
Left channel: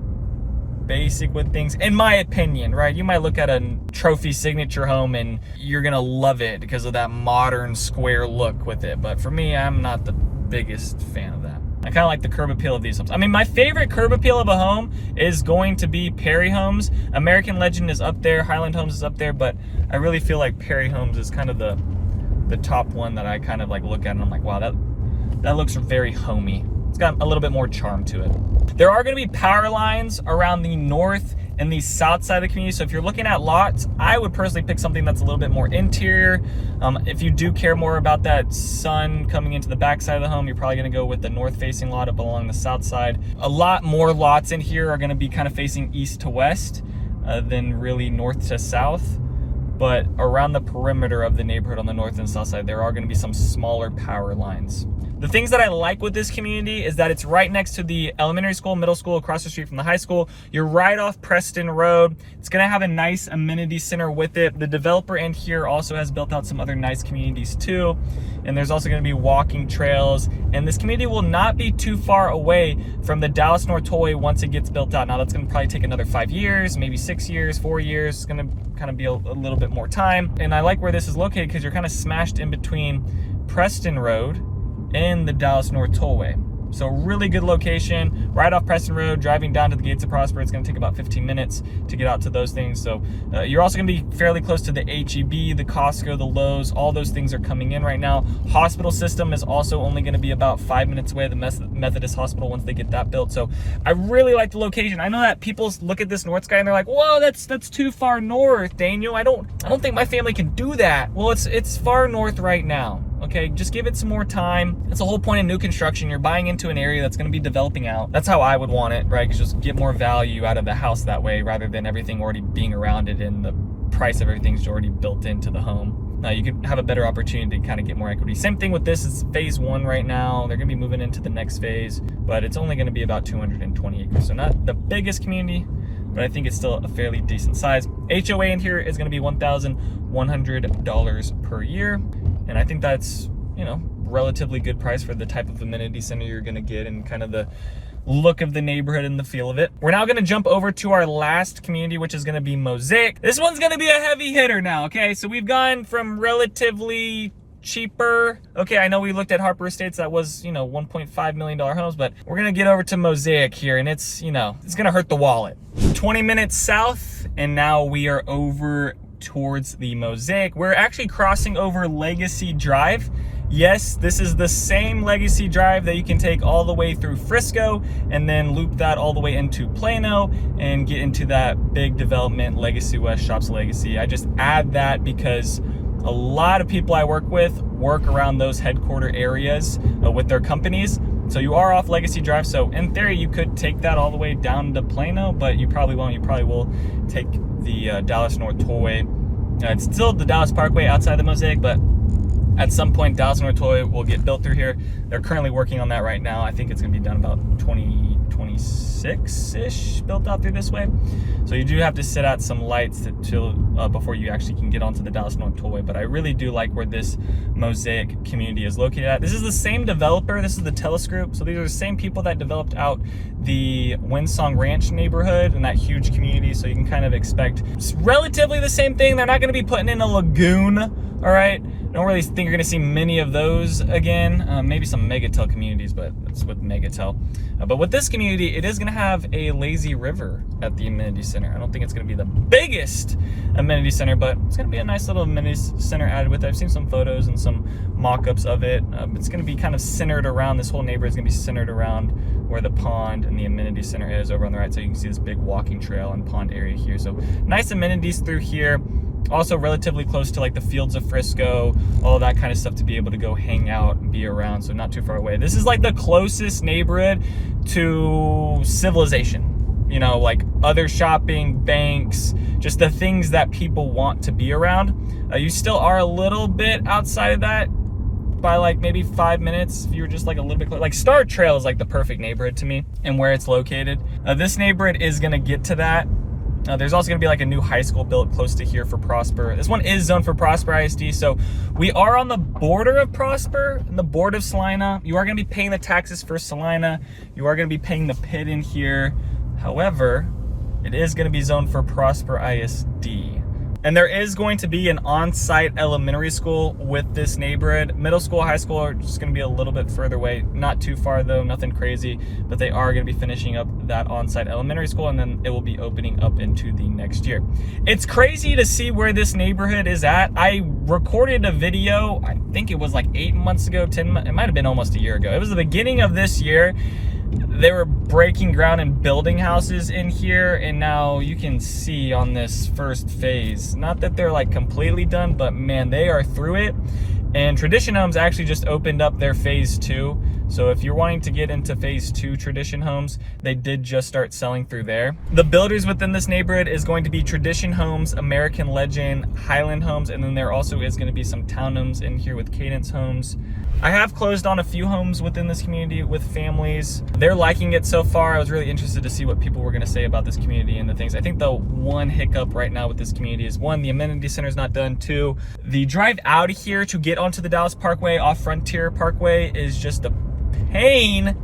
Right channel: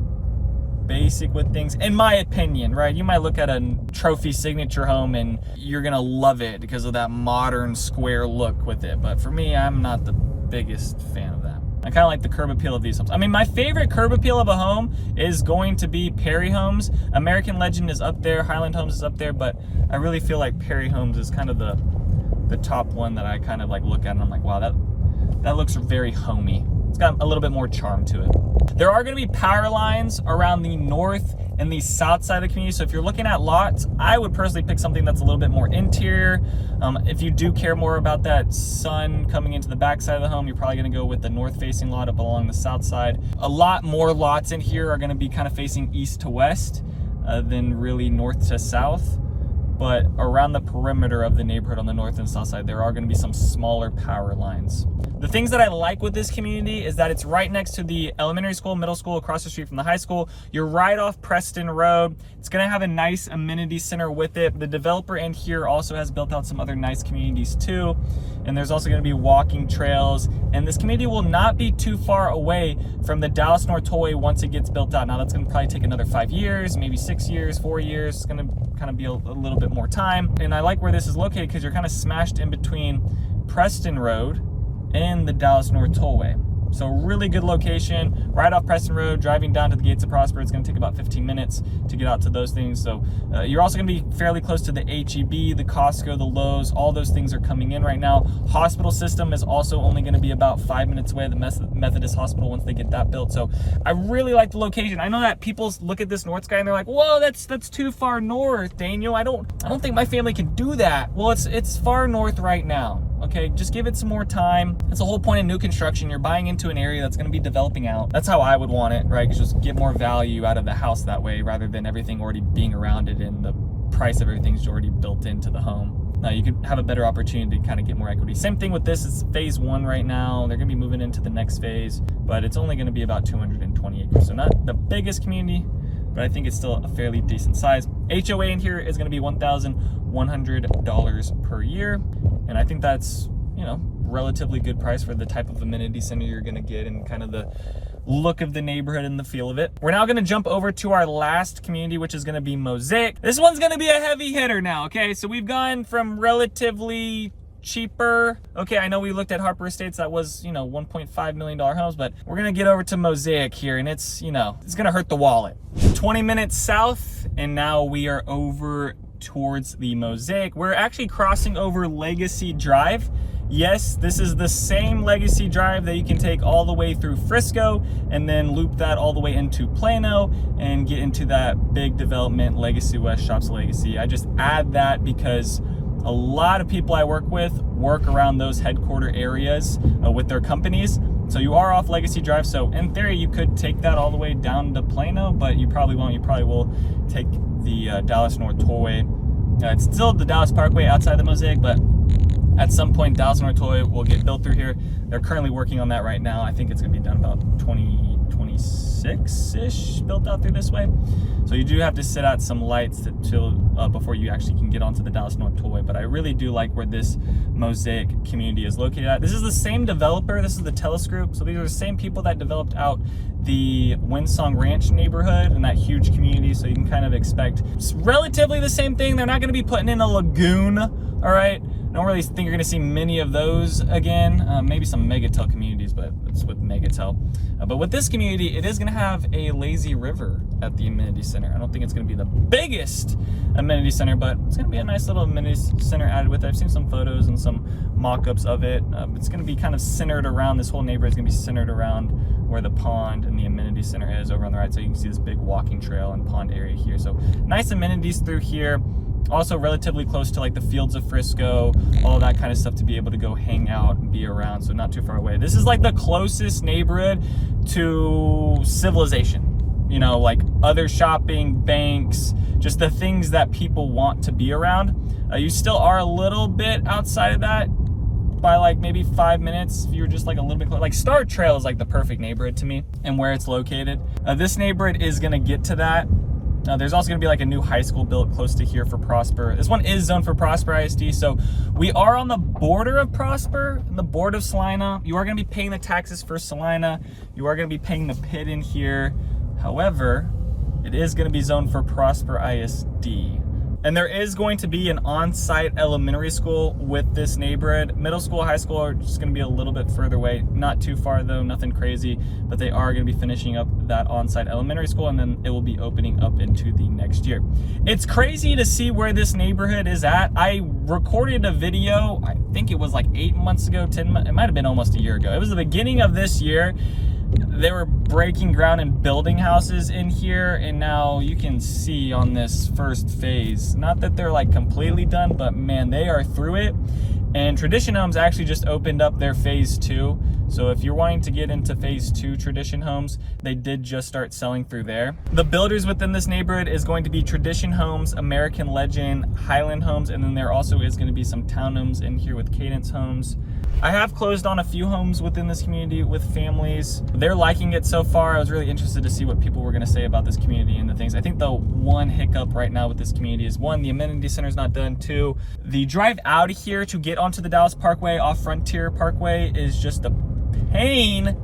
basic with things, in my opinion, right? You might look at a Trophy Signature home and you're gonna love it because of that modern square look with it. But for me, I'm not the biggest fan of that. I kind of like the curb appeal of these homes. I mean, my favorite curb appeal of a home is going to be Perry Homes. American Legend is up there, Highland Homes is up there, but I really feel like Perry Homes is kind of the top one that I kind of like look at and I'm like, wow, that looks very homey. It's got a little bit more charm to it. There are gonna be power lines around the north and the south side of the community. So if you're looking at lots, I would personally pick something that's a little bit more interior. If you do care more about that sun coming into the back side of the home, you're probably gonna go with the north facing lot up along the south side. A lot more lots in here are gonna be kind of facing east to west than really north to south. But around the perimeter of the neighborhood on the north and south side, there are gonna be some smaller power lines. The things that I like with this community is that it's right next to the elementary school, middle school, across the street from the high school. You're right off Preston Road. It's gonna have a nice amenity center with it. The developer in here also has built out some other nice communities too. And there's also gonna be walking trails. And this community will not be too far away from the Dallas North Tollway once it gets built out. Now that's gonna probably take another 5 years, maybe 6 years, 4 years. It's gonna kind of be a little bit more time. And I like where this is located because you're kind of smashed in between Preston Road and the Dallas North Tollway. So really good location, right off Preston Road, driving down to the Gates of Prosper. It's gonna take about 15 minutes to get out to those things. So you're also gonna be fairly close to the HEB, the Costco, the Lowe's, all those things are coming in right now. Hospital system is also only gonna be about 5 minutes away, the Methodist Hospital, once they get that built. So I really like the location. I know that people look at this north sky and they're like, whoa, that's too far north, Daniel. I don't think my family can do that. Well, it's far north right now. Okay, just give it some more time. That's the whole point of new construction. You're buying into an area that's gonna be developing out. That's how I would want it, right? Because just get more value out of the house that way rather than everything already being around it and the price of everything's already built into the home. Now you could have a better opportunity to kind of get more equity. Same thing with this, is phase 1 right now. They're gonna be moving into the next phase, but it's only gonna be about 220 acres. So not the biggest community, but I think it's still a fairly decent size. HOA in here is going to be $1,100 per year, and I think that's, you know, relatively good price for the type of amenity center you're going to get and kind of the look of the neighborhood and the feel of it. We're now going to jump over to our last community, which is going to be Mosaic. This one's going to be a heavy hitter now, okay? So we've gone from relatively cheaper. Okay, I know we looked at Harper Estates that was, you know, $1.5 million homes, but we're going to get over to Mosaic here, and it's, you know, it's going to hurt the wallet. 20 minutes south, and now we are over towards the Mosaic. We're actually crossing over Legacy Drive. Yes, this is the same Legacy Drive that you can take all the way through Frisco and then loop that all the way into Plano and get into that big development, Legacy West Shops Legacy. I just add that because a lot of people I work with work around those headquarter areas with their companies. So you are off Legacy Drive. So in theory, you could take that all the way down to Plano, but you probably won't. You probably will take the Dallas North Tollway. It's still the Dallas Parkway outside the Mosaic, but at some point, Dallas North Tollway will get built through here. They're currently working on that right now. I think it's going to be done about 2026-ish, built out through this way. So you do have to sit out some lights before you actually can get onto the Dallas North Tollway. But I really do like where this Mosaic community is located at. This is the same developer. This is the Telescope. So these are the same people that developed out the Windsong Ranch neighborhood and that huge community. So you can kind of expect relatively the same thing. They're not going to be putting in a lagoon, all right? I don't really think you're going to see many of those again. Maybe some Megatel communities, but it's with Megatel. But with this community, it is going to have a lazy river at the amenity center. I don't think it's going to be the biggest amenity center, but it's going to be a nice little amenity center added with it. I've seen some photos and some mock-ups of it. It's going to be kind of centered around, this whole neighborhood is going to be centered around where the pond and the amenity center is over on the right. So you can see this big walking trail and pond area here. So nice amenities through here. Also relatively close to like the fields of Frisco, all that kind of stuff to be able to go hang out and be around, so not too far away. This is like the closest neighborhood to civilization, you know, like other shopping, banks, just the things that people want to be around. You still are a little bit outside of that by like maybe 5 minutes if you're just like a little bit close. Like Star Trail is like the perfect neighborhood to me and where it's located. This neighborhood is going to get to that. There's also going to be like a new high school built close to here for Prosper. This one is zoned for Prosper ISD, so we are on the border of Prosper and the border of Salina. You are going to be paying the taxes for Salina. You are going to be paying the PID in here. However, it is going to be zoned for Prosper ISD. And there is going to be an on-site elementary school with this neighborhood. Middle school, high school are just going to be a little bit further away. Not too far though, nothing crazy. But they are going to be finishing up that on-site elementary school, and then it will be opening up into the next year. It's crazy to see where this neighborhood is at. I recorded a video, I think it was like 8 months ago, 10 months, it might have been almost a year ago. It was the beginning of this year. They were breaking ground and building houses in here, and now you can see on this first phase, not that they're like completely done, but man, they are through it. And Tradition Homes actually just opened up their phase 2. So if you're wanting to get into phase 2 Tradition Homes, they did just start selling through there. The builders within this neighborhood is going to be Tradition Homes, American Legend, Highland Homes, and then there also is going to be some townhomes in here with Cadence Homes. I have closed on a few homes within this community with families. They're liking it so far. I was really interested to see what people were going to say about this community and the things. I think the one hiccup right now with this community is, one, the amenity center is not done. Two, the drive out of here to get onto the Dallas Parkway off Frontier Parkway is just a pain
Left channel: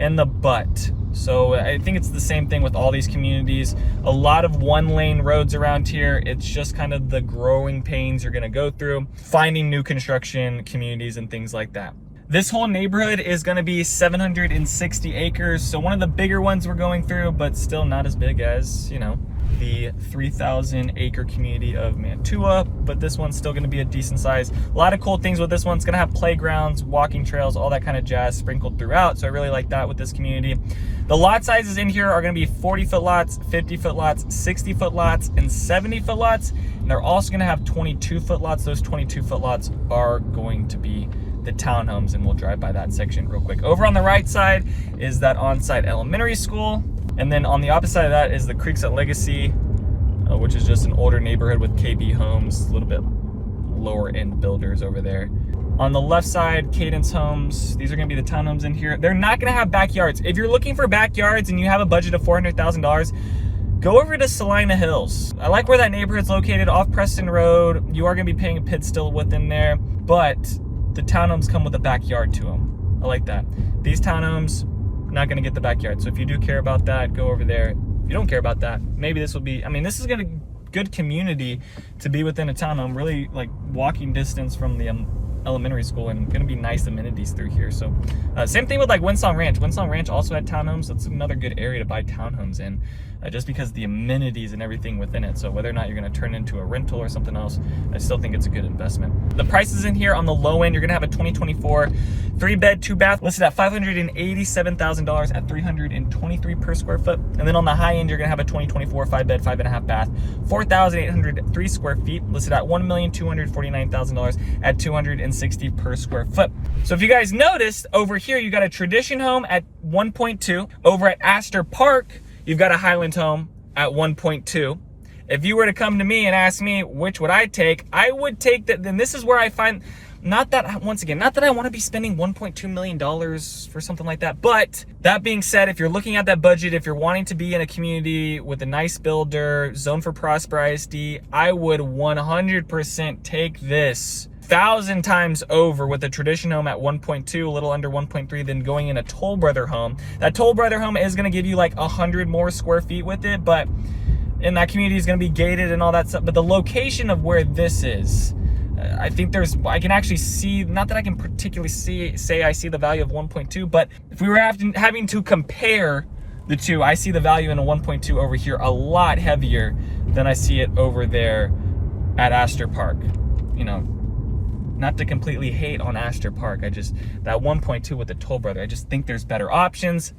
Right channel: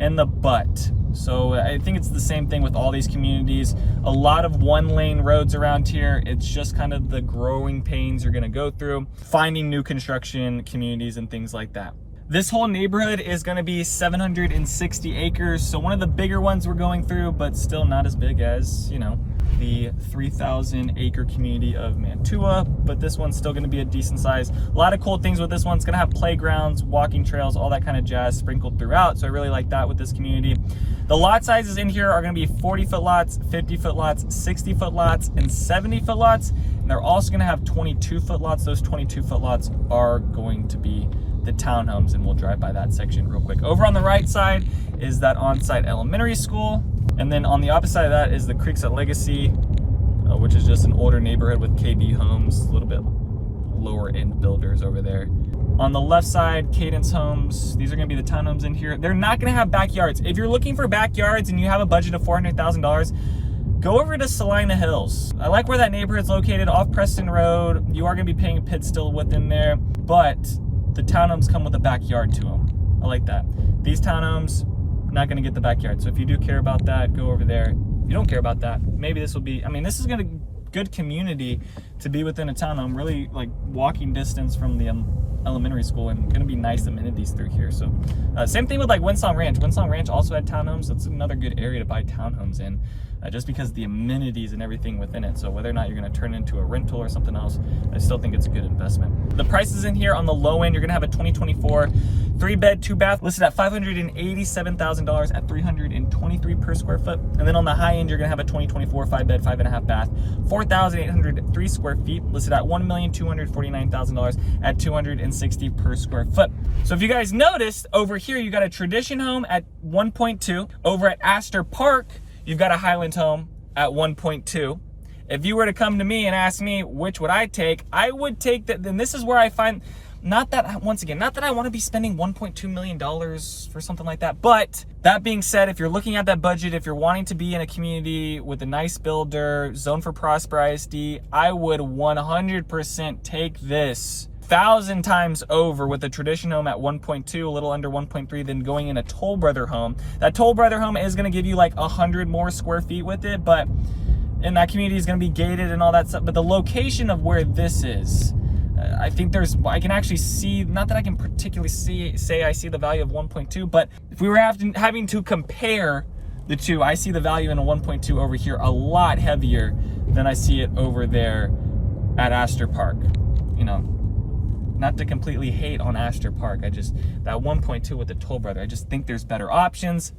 in the butt. So I think it's the same thing with all these communities. A lot of one-lane roads around here. It's just kind of the growing pains you're gonna go through, finding new construction communities and things like that. This whole neighborhood is gonna be 760 acres. So one of the bigger ones we're going through, but still not as big as, you know, the 3,000 acre community of Mantua, but this one's still gonna be a decent size. A lot of cool things with this one. It's gonna have playgrounds, walking trails, all that kind of jazz sprinkled throughout. So I really like that with this community. The lot sizes in here are gonna be 40-foot lots, 50-foot lots, 60-foot lots, and 70-foot lots. And they're also gonna have 22-foot lots. Those 22-foot lots are going to be the townhomes, and we'll drive by that section real quick. Over on the right side is that on-site elementary school. And then on the opposite side of that is the Creeks at Legacy, which is just an older neighborhood with KB homes, a little bit lower end builders over there. On the left side, Cadence Homes. These are gonna be the townhomes in here. They're not gonna have backyards. If you're looking for backyards and you have a budget of $400,000, go over to Salina Hills. I like where that neighborhood's located off Preston Road. You are gonna be paying a pit still within there, but the townhomes come with a backyard to them. I like that. These townhomes, not gonna get the backyard. So if you do care about that, go over there. If you don't care about that, maybe this will be, I mean, this is gonna good community to be within a townhome, really like walking distance from the elementary school, and gonna be nice amenities through here. So same thing with like Windsong Ranch. Windsong Ranch also had townhomes. That's another good area to buy townhomes in, just because the amenities and everything within it. So whether or not you're gonna turn it into a rental or something else, I still think it's a good investment. The prices in here on the low end, you're gonna have a 2024 3-bed, 2-bath listed at $587,000 at $323 per square foot. And then on the high end, you're gonna have a 2024 5-bed, 5.5 bath, 4,803 square feet listed at $1,249,000 at $260 per square foot. So if you guys noticed over here, you got a tradition home at 1.2. Over at Aster Park, you've got a Highland home at 1.2. If you were to come to me and ask me which would I take, I would take that. Then this is where I find, not that, once again, not that I want to be spending $1.2 million for something like that. But that being said, if you're looking at that budget, if you're wanting to be in a community with a nice builder, zoned for Prosper ISD, I would 100% take this 1,000 times over with a tradition home at 1.2, a little under 1.3, than going in a Toll Brother home. That Toll Brother home is going to give you like 100 more square feet with it, but in that community is going to be gated and all that stuff. But the location of where this is, I think I can actually see, not that I can particularly say I see the value of 1.2, but if we were having to compare the two, I see the value in a 1.2 over here a lot heavier than I see it over there at Aster Park. You know, not to completely hate on Aster Park, that 1.2 with the Toll Brother, I just think there's better options,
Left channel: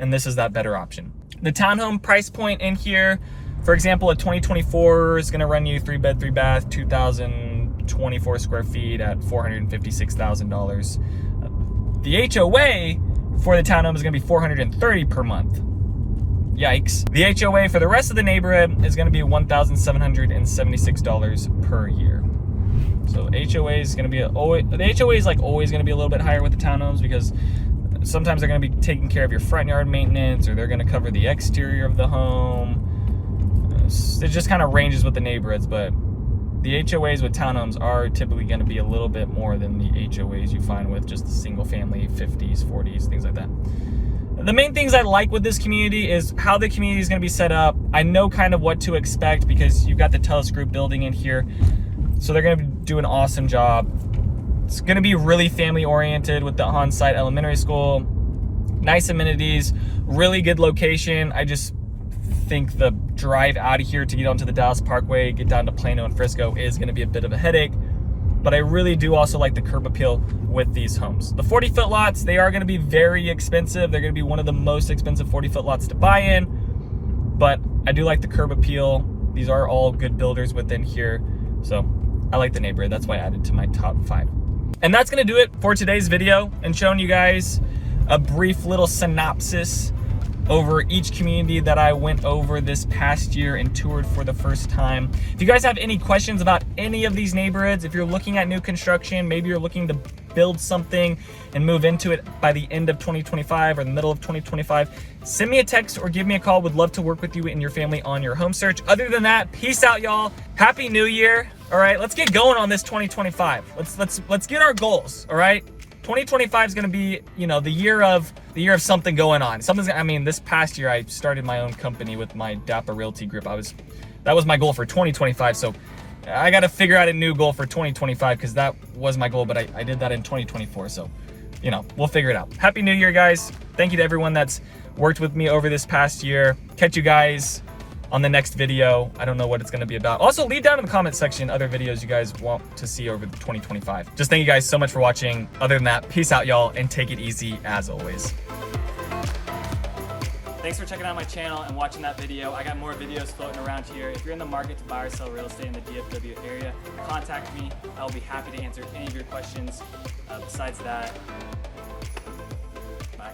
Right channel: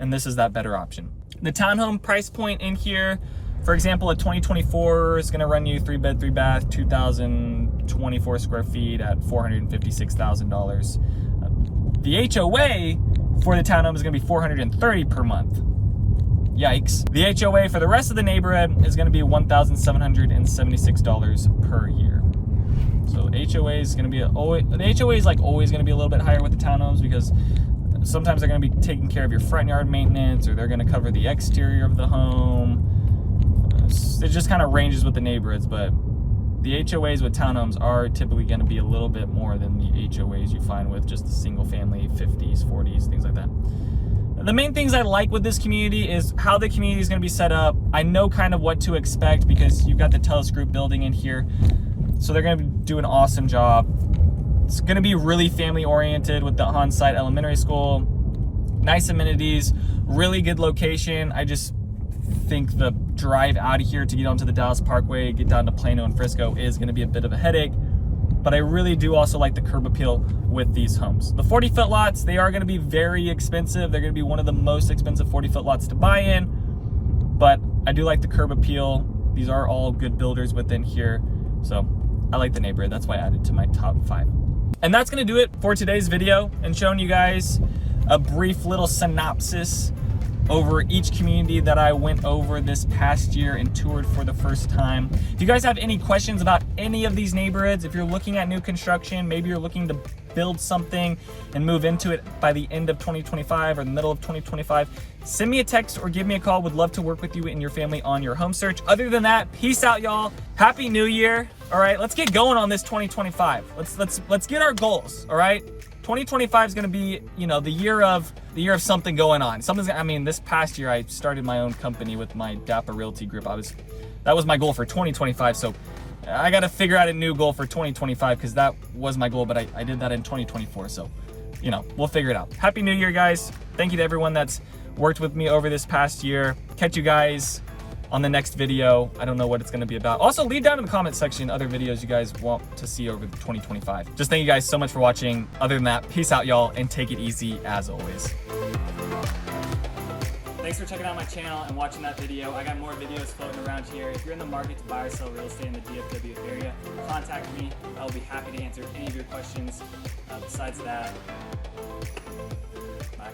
and this is that better option. The townhome price point in here, for example, a 2024 is gonna run you 3-bed, 3-bath, 2,024 square feet at $456,000. The HOA for the townhome is gonna be $430 per month. Yikes. The HOA for the rest of the neighborhood is gonna be $1,776 per year. So HOA is going to be the HOA is like always going to be a little bit higher with the townhomes, because sometimes they're going to be taking care of your front yard maintenance, or they're going to cover the exterior of the home. It just kind of ranges with the neighborhoods, but the HOAs with townhomes are typically going to be a little bit more than the HOAs you find with just single family 50s, 40s, things like that. The main things I like with this community is how the community is going to be set up. I know kind of what to expect because you've got the Telus Group building in here. So they're gonna do an awesome job. It's gonna be really family oriented with the on-site elementary school. Nice amenities, really good location. I just think the drive out of here to get onto the Dallas Parkway, get down to Plano and Frisco is gonna be a bit of a headache. But I really do also like the curb appeal with these homes. The 40-foot lots, they are gonna be very expensive. They're gonna be one of the most expensive 40-foot lots to buy in. But I do like the curb appeal. These are all good builders within here. So I like the neighborhood, that's why I added to my top 5. And that's gonna do it for today's video, and showing you guys a brief little synopsis over each community that I went over this past year and toured for the first time. If you guys have any questions about any of these neighborhoods, if you're looking at new construction, maybe you're looking to build something and move into it by the end of 2025 or the middle of 2025, send me a text or give me a call. Would love to work with you and your family on your home search. Other than that, peace out, y'all. Happy New Year. All right, let's get going on this 2025. Let's get our goals. All right, 2025 is going to be, you know, the year of something going on. I mean, this past year I started my own company with my DAPA Realty group. That was my goal for 2025. So I got to figure out a new goal for 2025, because that was my goal, but I did that in 2024. So, you know, we'll figure it out. Happy New Year, guys. Thank you to everyone that's worked with me over this past year. Catch you guys on the next video. I don't know what it's going to be about. Also, leave down in the comment section other videos you guys want to see over 2025. Just thank you guys so much for watching. Other than that, peace out, y'all, and take it easy as always. Thanks for checking out my channel and watching that video. I got more videos floating around here. If you're in the market to buy or sell real estate in the DFW area, contact me. I will be happy to answer any of your questions. Besides that, bye.